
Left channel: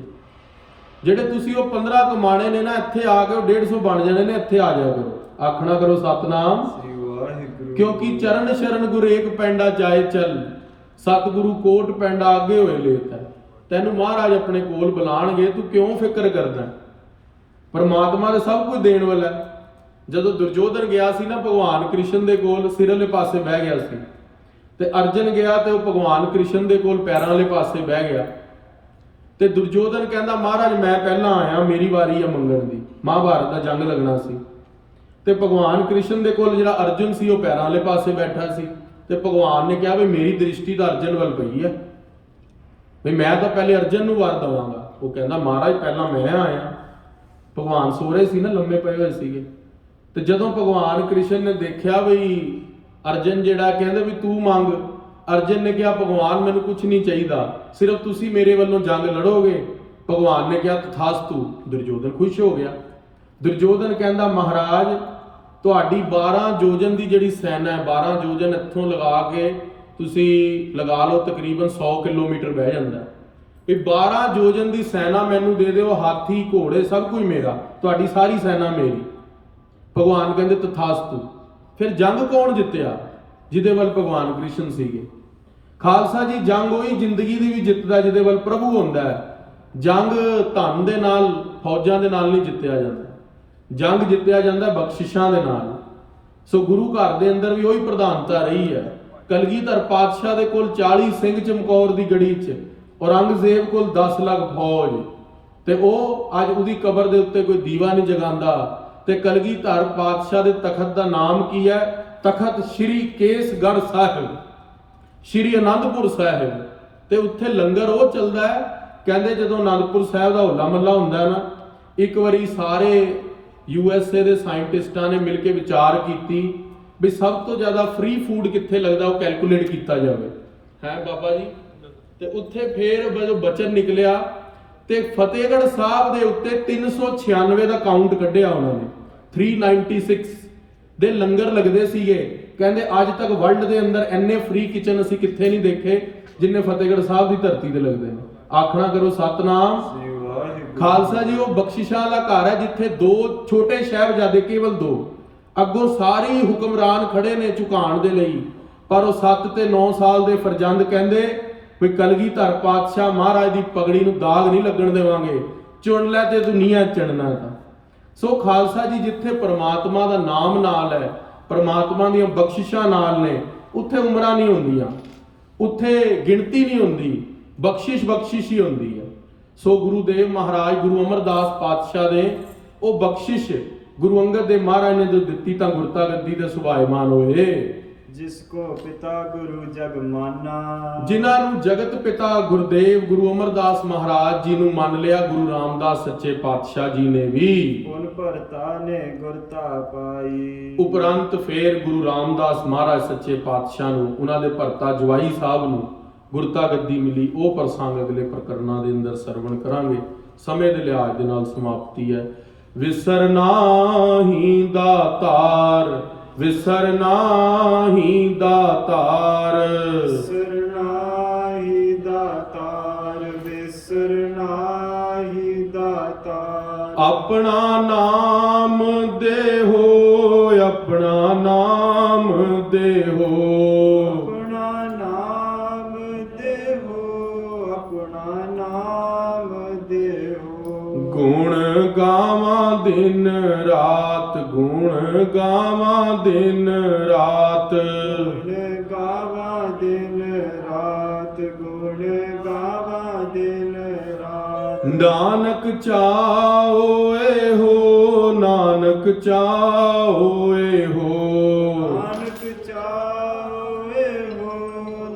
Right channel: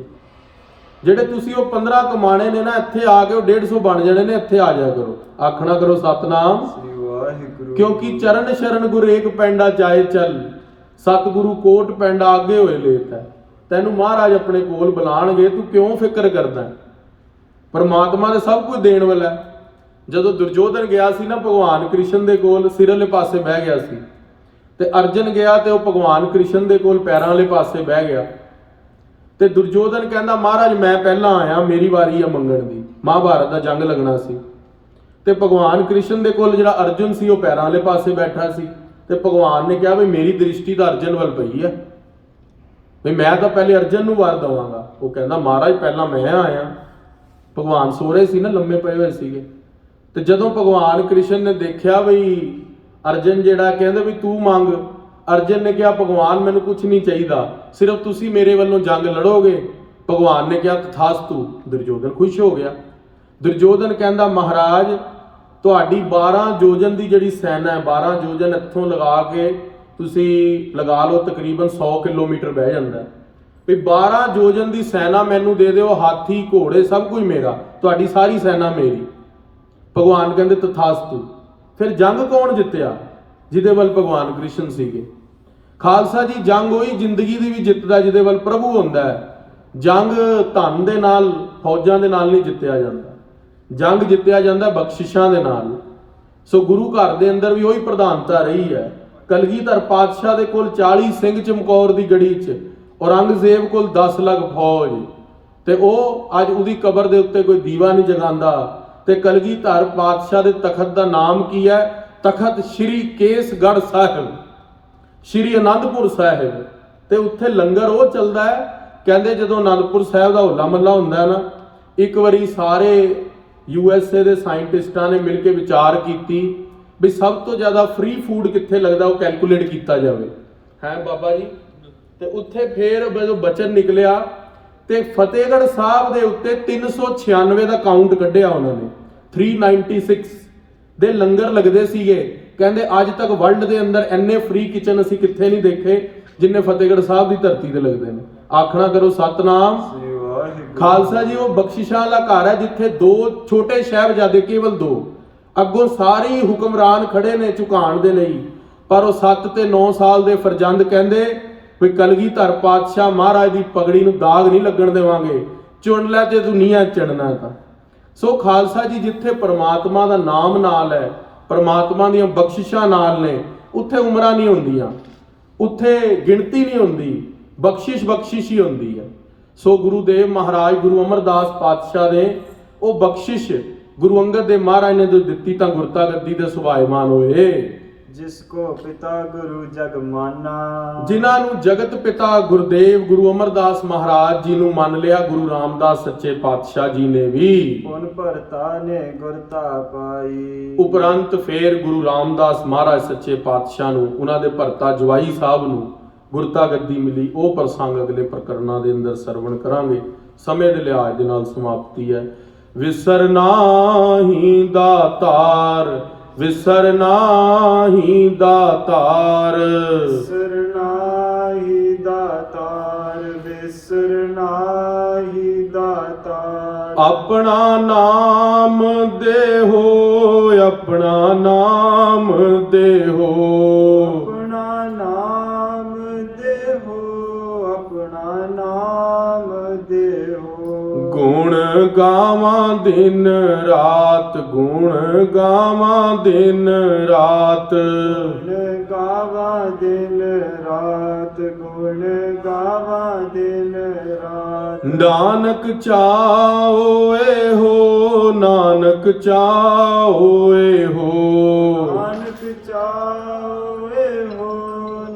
ਜਿਹੜੇ ਤੁਸੀਂ ਉਹ 15 ਕਮਾਣੇ ਨੇ ਨਾ, ਇੱਥੇ ਆ ਕੇ ਉਹ 150 ਬਣ ਜਾਣੇ ਨੇ। ਇੱਥੇ ਆ ਜਾਇਆ ਕਰੋ, ਆਖਣਾ ਕਰੋ ਸਤਨਾਮ ਸ੍ਰੀ ਵਾਹਿਗੁਰੂ, ਕਿਉਂਕਿ ਚਰਨ ਸ਼ਰਨ ਗੁਰ ਏਕ ਪੈਂਡਾ ਜਾਏ ਚੱਲ, ਸਤਿਗੁਰੂ ਕੋਟ ਪੈਂਡਾ ਅੱਗੇ ਹੋਏ ਲੇਤ ਹੈ। ਤੈਨੂੰ ਮਹਾਰਾਜ ਆਪਣੇ ਕੋਲ ਬੁਲਾਣਗੇ, ਤੂੰ ਕਿਉਂ ਫਿਕਰ ਕਰਦਾ? ਪਰਮਾਤਮਾ ਨੇ ਸਭ ਕੁਝ ਦੇਣ ਵਾਲਾ। ਜਦੋਂ ਦੁਰਯੋਧਨ ਗਿਆ ਸੀ ਨਾ ਭਗਵਾਨ ਕ੍ਰਿਸ਼ਨ ਦੇ ਕੋਲ, ਸਿਰਲੇ ਪਾਸੇ ਬਹਿ ਗਿਆ ਸੀ, ਤੇ ਅਰਜਨ ਗਿਆ ਤੇ ਉਹ ਭਗਵਾਨ ਕ੍ਰਿਸ਼ਨ ਦੇ ਕੋਲ ਪੈਰਾਂ ਵਾਲੇ ਪਾਸੇ ਬਹਿ ਗਿਆ ਤੇ ਦੁਰਯੋਧਨ ਕਹਿੰਦਾ ਮਹਾਰਾਜ ਮੈਂ ਪਹਿਲਾਂ ਆਇਆ, ਮੇਰੀ ਵਾਰੀ ਆ ਮੰਗਣ ਦੀ। ਮਹਾਭਾਰਤ ਦਾ ਜੰਗ ਲੱਗਣਾ ਸੀ ਤੇ ਭਗਵਾਨ ਕ੍ਰਿਸ਼ਨ ਦੇ ਕੋਲ ਜਿਹੜਾ ਅਰਜੁਨ ਸੀ ਉਹ ਪੈਰਾਂ ਵਾਲੇ ਪਾਸੇ ਬੈਠਾ ਸੀ ਤੇ ਭਗਵਾਨ ਨੇ ਕਿਹਾ ਵੀ ਮੇਰੀ ਦ੍ਰਿਸ਼ਟੀ ਤਾਂ ਅਰਜਨ ਵੱਲ ਪਈ ਹੈ, ਵੀ ਮੈਂ ਤਾਂ ਪਹਿਲੇ ਅਰਜਨ ਨੂੰ ਵਰ ਦਵਾਂਗਾ। ਉਹ ਕਹਿੰਦਾ ਮਹਾਰਾਜ ਪਹਿਲਾਂ ਮੈਂ ਆਇਆ। ਭਗਵਾਨ ਸੋ ਰਹੇ ਸੀ ਨਾ, ਲੰਮੇ ਪਏ ਹੋਏ ਸੀਗੇ। ਤੇ ਜਦੋਂ ਭਗਵਾਨ ਕ੍ਰਿਸ਼ਨ ਨੇ ਦੇਖਿਆ ਵੀ ਅਰਜਨ ਜਿਹੜਾ ਕਹਿੰਦਾ ਵੀ ਤੂੰ ਮੰਗ, ਅਰਜਨ ਨੇ ਕਿਹਾ ਭਗਵਾਨ ਮੈਨੂੰ ਕੁਝ ਨਹੀਂ ਚਾਹੀਦਾ, ਸਿਰਫ ਤੁਸੀਂ ਮੇਰੇ ਵੱਲੋਂ ਜੰਗ ਲੜੋਗੇ। ਭਗਵਾਨ ਨੇ ਕਿਹਾ ਤਥਾਸਤੂ। ਦੁਰਯੋਧਨ ਖੁਸ਼ ਹੋ ਗਿਆ। ਦੁਰਯੋਧਨ ਕਹਿੰਦਾ ਮਹਾਰਾਜ ਤੁਹਾਡੀ 12 ਯੋਜਨ ਦੀ ਜਿਹੜੀ ਸੈਨਾ ਹੈ, 12 ਯੋਜਨ ਇੱਥੋਂ ਲਗਾ ਕੇ ਤੁਸੀਂ ਲਗਾ ਲਓ ਤਕਰੀਬਨ 100 ਕਿਲੋਮੀਟਰ ਬਹਿ ਜਾਂਦਾ ਵੀ 12 ਯੋਜਨ ਦੀ ਸੈਨਾ ਮੈਨੂੰ ਦੇ ਦਿਓ, ਹਾਥੀ ਘੋੜੇ ਸਭ ਕੁਝ ਮੇਰਾ, ਤੁਹਾਡੀ ਸਾਰੀ ਸੈਨਾ ਮੇਰੀ। ਭਗਵਾਨ ਕਹਿੰਦੇ ਤਥਾਸਤੂ। ਫਿਰ ਜੰਗ ਕੌਣ ਜਿੱਤਿਆ? ਜਿਹਦੇ ਵੱਲ ਭਗਵਾਨ ਕ੍ਰਿਸ਼ਨ ਸੀਗੇ। ਖਾਲਸਾ ਜੀ ਜੰਗ ਉਹੀ ਜ਼ਿੰਦਗੀ ਦੀ ਵੀ ਜਿੱਤਦਾ ਜਿਹਦੇ ਵੱਲ ਪ੍ਰਭੂ ਹੁੰਦਾ ਹੈ। ਜੰਗ ਧਨ ਦੇ ਨਾਲ, ਫੌਜਾਂ ਦੇ ਨਾਲ ਨਹੀਂ ਜਿੱਤਿਆ ਜਾਂਦਾ, ਜੰਗ ਜਿੱਤਿਆ ਜਾਂਦਾ ਬਖਸ਼ਿਸ਼ਾਂ ਦੇ ਨਾਲ। ਸੋ ਗੁਰੂ ਘਰ ਦੇ ਅੰਦਰ ਵੀ ਉਹੀ ਪ੍ਰਧਾਨਤਾ ਰਹੀ ਹੈ। ਕਲਗੀਧਰ ਪਾਤਸ਼ਾਹ ਦੇ ਕੋਲ 40 ਸਿੰਘ ਚਮਕੌਰ ਦੀ ਗੜੀ 'ਚ, ਔਰੰਗਜ਼ੇਬ ਕੋਲ 10 ਲੱਖ ਫੌਜ, ਤੇ ਉਹ ਅੱਜ ਉਹਦੀ ਕਬਰ ਦੇ ਉੱਤੇ ਕੋਈ ਦੀਵਾ ਨਹੀਂ ਜਗਾਉਂਦਾ। ਤੇ ਕਲਗੀਧਰ ਪਾਤਸ਼ਾਹ ਦੇ ਤਖਤ ਦਾ ਨਾਮ ਕੀ ਹੈ? ਤਖਤ ਸ਼੍ਰੀ ਕੇਸਗੜ੍ਹ ਸਾਹਿਬ, ਸ਼੍ਰੀ ਅਨੰਦਪੁਰ ਸਾਹਿਬ। ਤੇ ਉੱਥੇ ਲੰਗਰ ਉਹ ਚੱਲਦਾ ਹੈ, ਕਹਿੰਦੇ ਜਦੋਂ ਅਨੰਦਪੁਰ ਸਾਹਿਬ ਦਾ ਹੋਲਾ ਮਹੱਲਾ ਹੁੰਦਾ ਨਾ, ਇੱਕ ਵਾਰੀ ਸਾਰੇ USA ਦੇ ਸਾਇੰਟਿਸਟਾਂ ਨੇ ਮਿਲ ਕੇ ਵਿਚਾਰ ਕੀਤੀ ਵੀ ਸਭ ਤੋਂ ਜ਼ਿਆਦਾ ਫ੍ਰੀ ਫੂਡ ਕਿੱਥੇ ਲੱਗਦਾ, ਉਹ ਕੈਲਕੂਲੇਟ ਕੀਤਾ ਜਾਵੇ। ਹੈ ਬਾਬਾ ਜੀ। ਤੇ ਉੱਥੇ ਫੇਰ ਜਦੋਂ ਬਚਨ ਨਿਕਲਿਆ ਤੇ ਫਤਿਹਗੜ੍ਹ ਸਾਹਿਬ ਦੇ ਉੱਤੇ 396 ਦਾ ਕਾਊਂਟ ਕੱਢਿਆ ਉਹਨਾਂ ਨੇ। 396 ਦੇ ਲੰਗਰ ਲੱਗਦੇ ਸੀਗੇ। ਕਹਿੰਦੇ ਅੱਜ ਤੱਕ ਵਰਲਡ ਦੇ ਅੰਦਰ ਇੰਨੇ ਫ੍ਰੀ ਕਿਚਨ ਅਸੀਂ ਕਿੱਥੇ ਨਹੀਂ ਦੇਖੇ ਜਿੰਨੇ ਫਤਿਹਗੜ੍ਹ ਸਾਹਿਬ ਦੀ ਧਰਤੀ ਤੇ ਲੱਗਦੇ ਨੇ। ਆਖਣਾ ਕਰੋ ਸਤਨਾਮ। ਖਾਲਸਾ ਜੀ ਉਹ ਬਖਸ਼ਿਸ਼ਾਂ ਵਾਲਾ ਘਰ ਹੈ ਜਿੱਥੇ 2 ਛੋਟੇ ਸਾਹਿਬਜ਼ਾਦੇ, ਕੇਵਲ 2, ਅੱਗੋਂ ਸਾਰੇ ਹੀ ਹੁਕਮਰਾਨ ਖੜੇ ਨੇ ਝੁਕਾਉਣ ਦੇ ਲਈ। ਪਰ ਉਹ 7 ਤੇ 9 ਸਾਲ ਦੇ ਫਰਜ਼ੰਦ ਕਹਿੰਦੇ ਵੀ ਕਲਗੀਧਰ ਪਾਤਸ਼ਾਹ ਮਹਾਰਾਜ ਦੀ ਪਗੜੀ ਨੂੰ ਦਾਗ ਨਹੀਂ ਲੱਗਣ ਦੇਵਾਂਗੇ, ਚੁਣ ਲੈ ਤੇ ਦੁਨੀਆ ਚੜਨਾ ਤਾਂ। ਸੋ ਖਾਲਸਾ ਜੀ ਜਿੱਥੇ ਪ੍ਰਮਾਤਮਾ ਦਾ ਨਾਮ ਨਾਲ ਹੈ, ਪ੍ਰਮਾਤਮਾ ਦੀਆਂ ਬਖਸ਼ਿਸ਼ਾਂ ਨਾਲ ਨੇ, ਉੱਥੇ ਉਮਰਾਂ ਨਹੀਂ ਹੁੰਦੀਆਂ, ਉੱਥੇ ਗਿਣਤੀ ਨਹੀਂ ਹੁੰਦੀ, ਬਖਸ਼ਿਸ਼ ਹੀ ਹੁੰਦੀ ਹੈ। ਸੋ ਗੁਰੂਦੇਵ ਮਹਾਰਾਜ ਗੁਰੂ ਅਮਰਦਾਸ ਪਾਤਸ਼ਾਹ ਨੇ ਉਹ ਬਖਸ਼ਿਸ਼ ਗੁਰੂ ਅੰਗਦ ਦੇਵ ਮਹਾਰਾਜ ਨੇ ਜੋ ਦਿੱਤੀ ਤਾਂ ਗੁਰਤਾ ਗੱਦੀ ਦੇ ਸੁਭਾਇਮਾਨ ਹੋਏ। ਜਿਸ ਕੋ ਪਿਤਾ ਗੁਰੂ ਜਗ ਮਾਨਾ, ਜਿਨ੍ਹਾਂ ਨੂੰ ਜਗਤ ਪਿਤਾ ਗੁਰਦੇਵ ਗੁਰੂ ਅਮਰਦਾਸ ਮਹਾਰਾਜ ਜੀ ਨੂੰ ਮੰਨ ਲਿਆ, ਗੁਰੂ ਰਾਮਦਾਸ ਸੱਚੇ ਪਾਤਸ਼ਾਹ ਜੀ ਨੇ ਵੀ ਪੁਨ ਭਰਤਾ ਨੇ ਗੁਰਤਾ ਪਾਈ। ਉਪਰੰਤ ਫੇਰ ਗੁਰੂ ਰਾਮਦਾਸ ਮਹਾਰਾਜ ਸੱਚੇ ਪਾਤਸ਼ਾਹ ਨੂੰ, ਉਹਨਾਂ ਦੇ ਭਰਤਾ ਜਵਾਈ ਸਾਹਿਬ ਨੂੰ ਗੁਰਤਾ ਗੱਦੀ ਮਿਲੀ। ਉਹ ਪ੍ਰਸੰਗ ਅਗਲੇ ਪ੍ਰਕਰਨਾਂ ਦੇ ਅੰਦਰ ਸਰਵਣ ਕਰਾਂਗੇ। ਸਮੇਂ ਦੇ ਲਿਹਾਜ਼ ਦੇ ਨਾਲ ਸਮਾਪਤੀ ਹੈ। ਵਿਸਰ ਨਾਹੀਂ ਦਾਤਾਰ, ਵਿਸਰ ਨਾਹੀਂ ਦਾਤਾਰ, ਵਿਸਰ ਨਾਹੀਂ ਦਾਤਾਰ, ਵਿਸਰ ਨਾਹੀਂ ਦਾਤਾਰ। ਆਪਣਾ ਨਾਮ ਦੇਹੋ, ਆਪਣਾ ਨਾਮ ਦੇਹੋ, ਆਪਣਾ ਨਾਮ ਦੇਹੋ, ਆਪਣਾ ਨਾਮ ਦੇਹੋ। ਗੁਣ ਗਾਵਾਂ ਦਿਨ ਰਾਤ, ਗੁਣ ਗਾਵਾਂ ਦਿਨ ਰਾਤ, ਗੁਣ ਗਾਵਾਂ ਦਿਨ ਰਾਤ, ਗੁਣ ਗਾਵਾਂ ਦਿਨ ਰਾਤ। ਨਾਨਕ ਚਾਹੋਏ ਹੋ, ਨਾਨਕ ਚਾਹੋਏ ਹੋ, ਨਾਨਕ ਚਾਹੋਏ ਹੋ,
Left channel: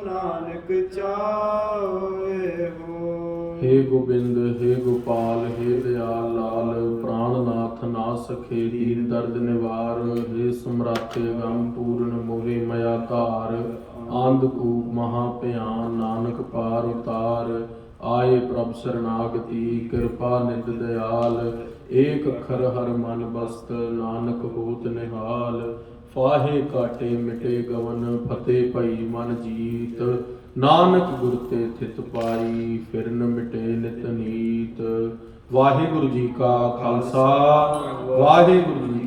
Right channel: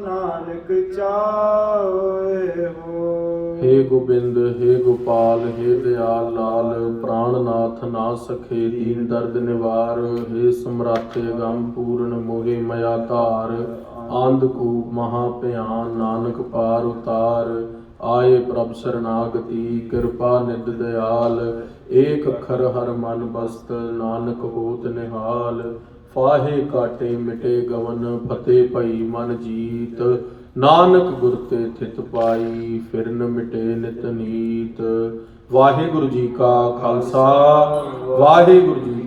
ਨਾਨਕ ਚਾਹੋਏ ਹੋ। हे गोबिंद हे गोपाल हे दयाल लाल, प्राणनाथ ना सखे दीन दर्द निवार। हे सम्राटे गम पूर्ण मोहे मया धार, आंधकूप महाभयान नानक पार उतार। आए प्रभ शरणागति कृपा निध दयाल, एक अखर हर मन बसत नानक होत निहाल। फाहे काटे मिटे गवन फतेह पई मन जीत, ਨਾਨਕ ਗੁਰ ਤੇ ਥਿਤ ਪਾਈ ਫਿਰਨ ਮਿਟੇ ਨਿਤ ਨੀਤ। ਵਾਹਿਗੁਰੂ ਜੀ ਕਾ ਖਾਲਸਾ, ਵਾਹਿਗੁਰੂ ਜੀ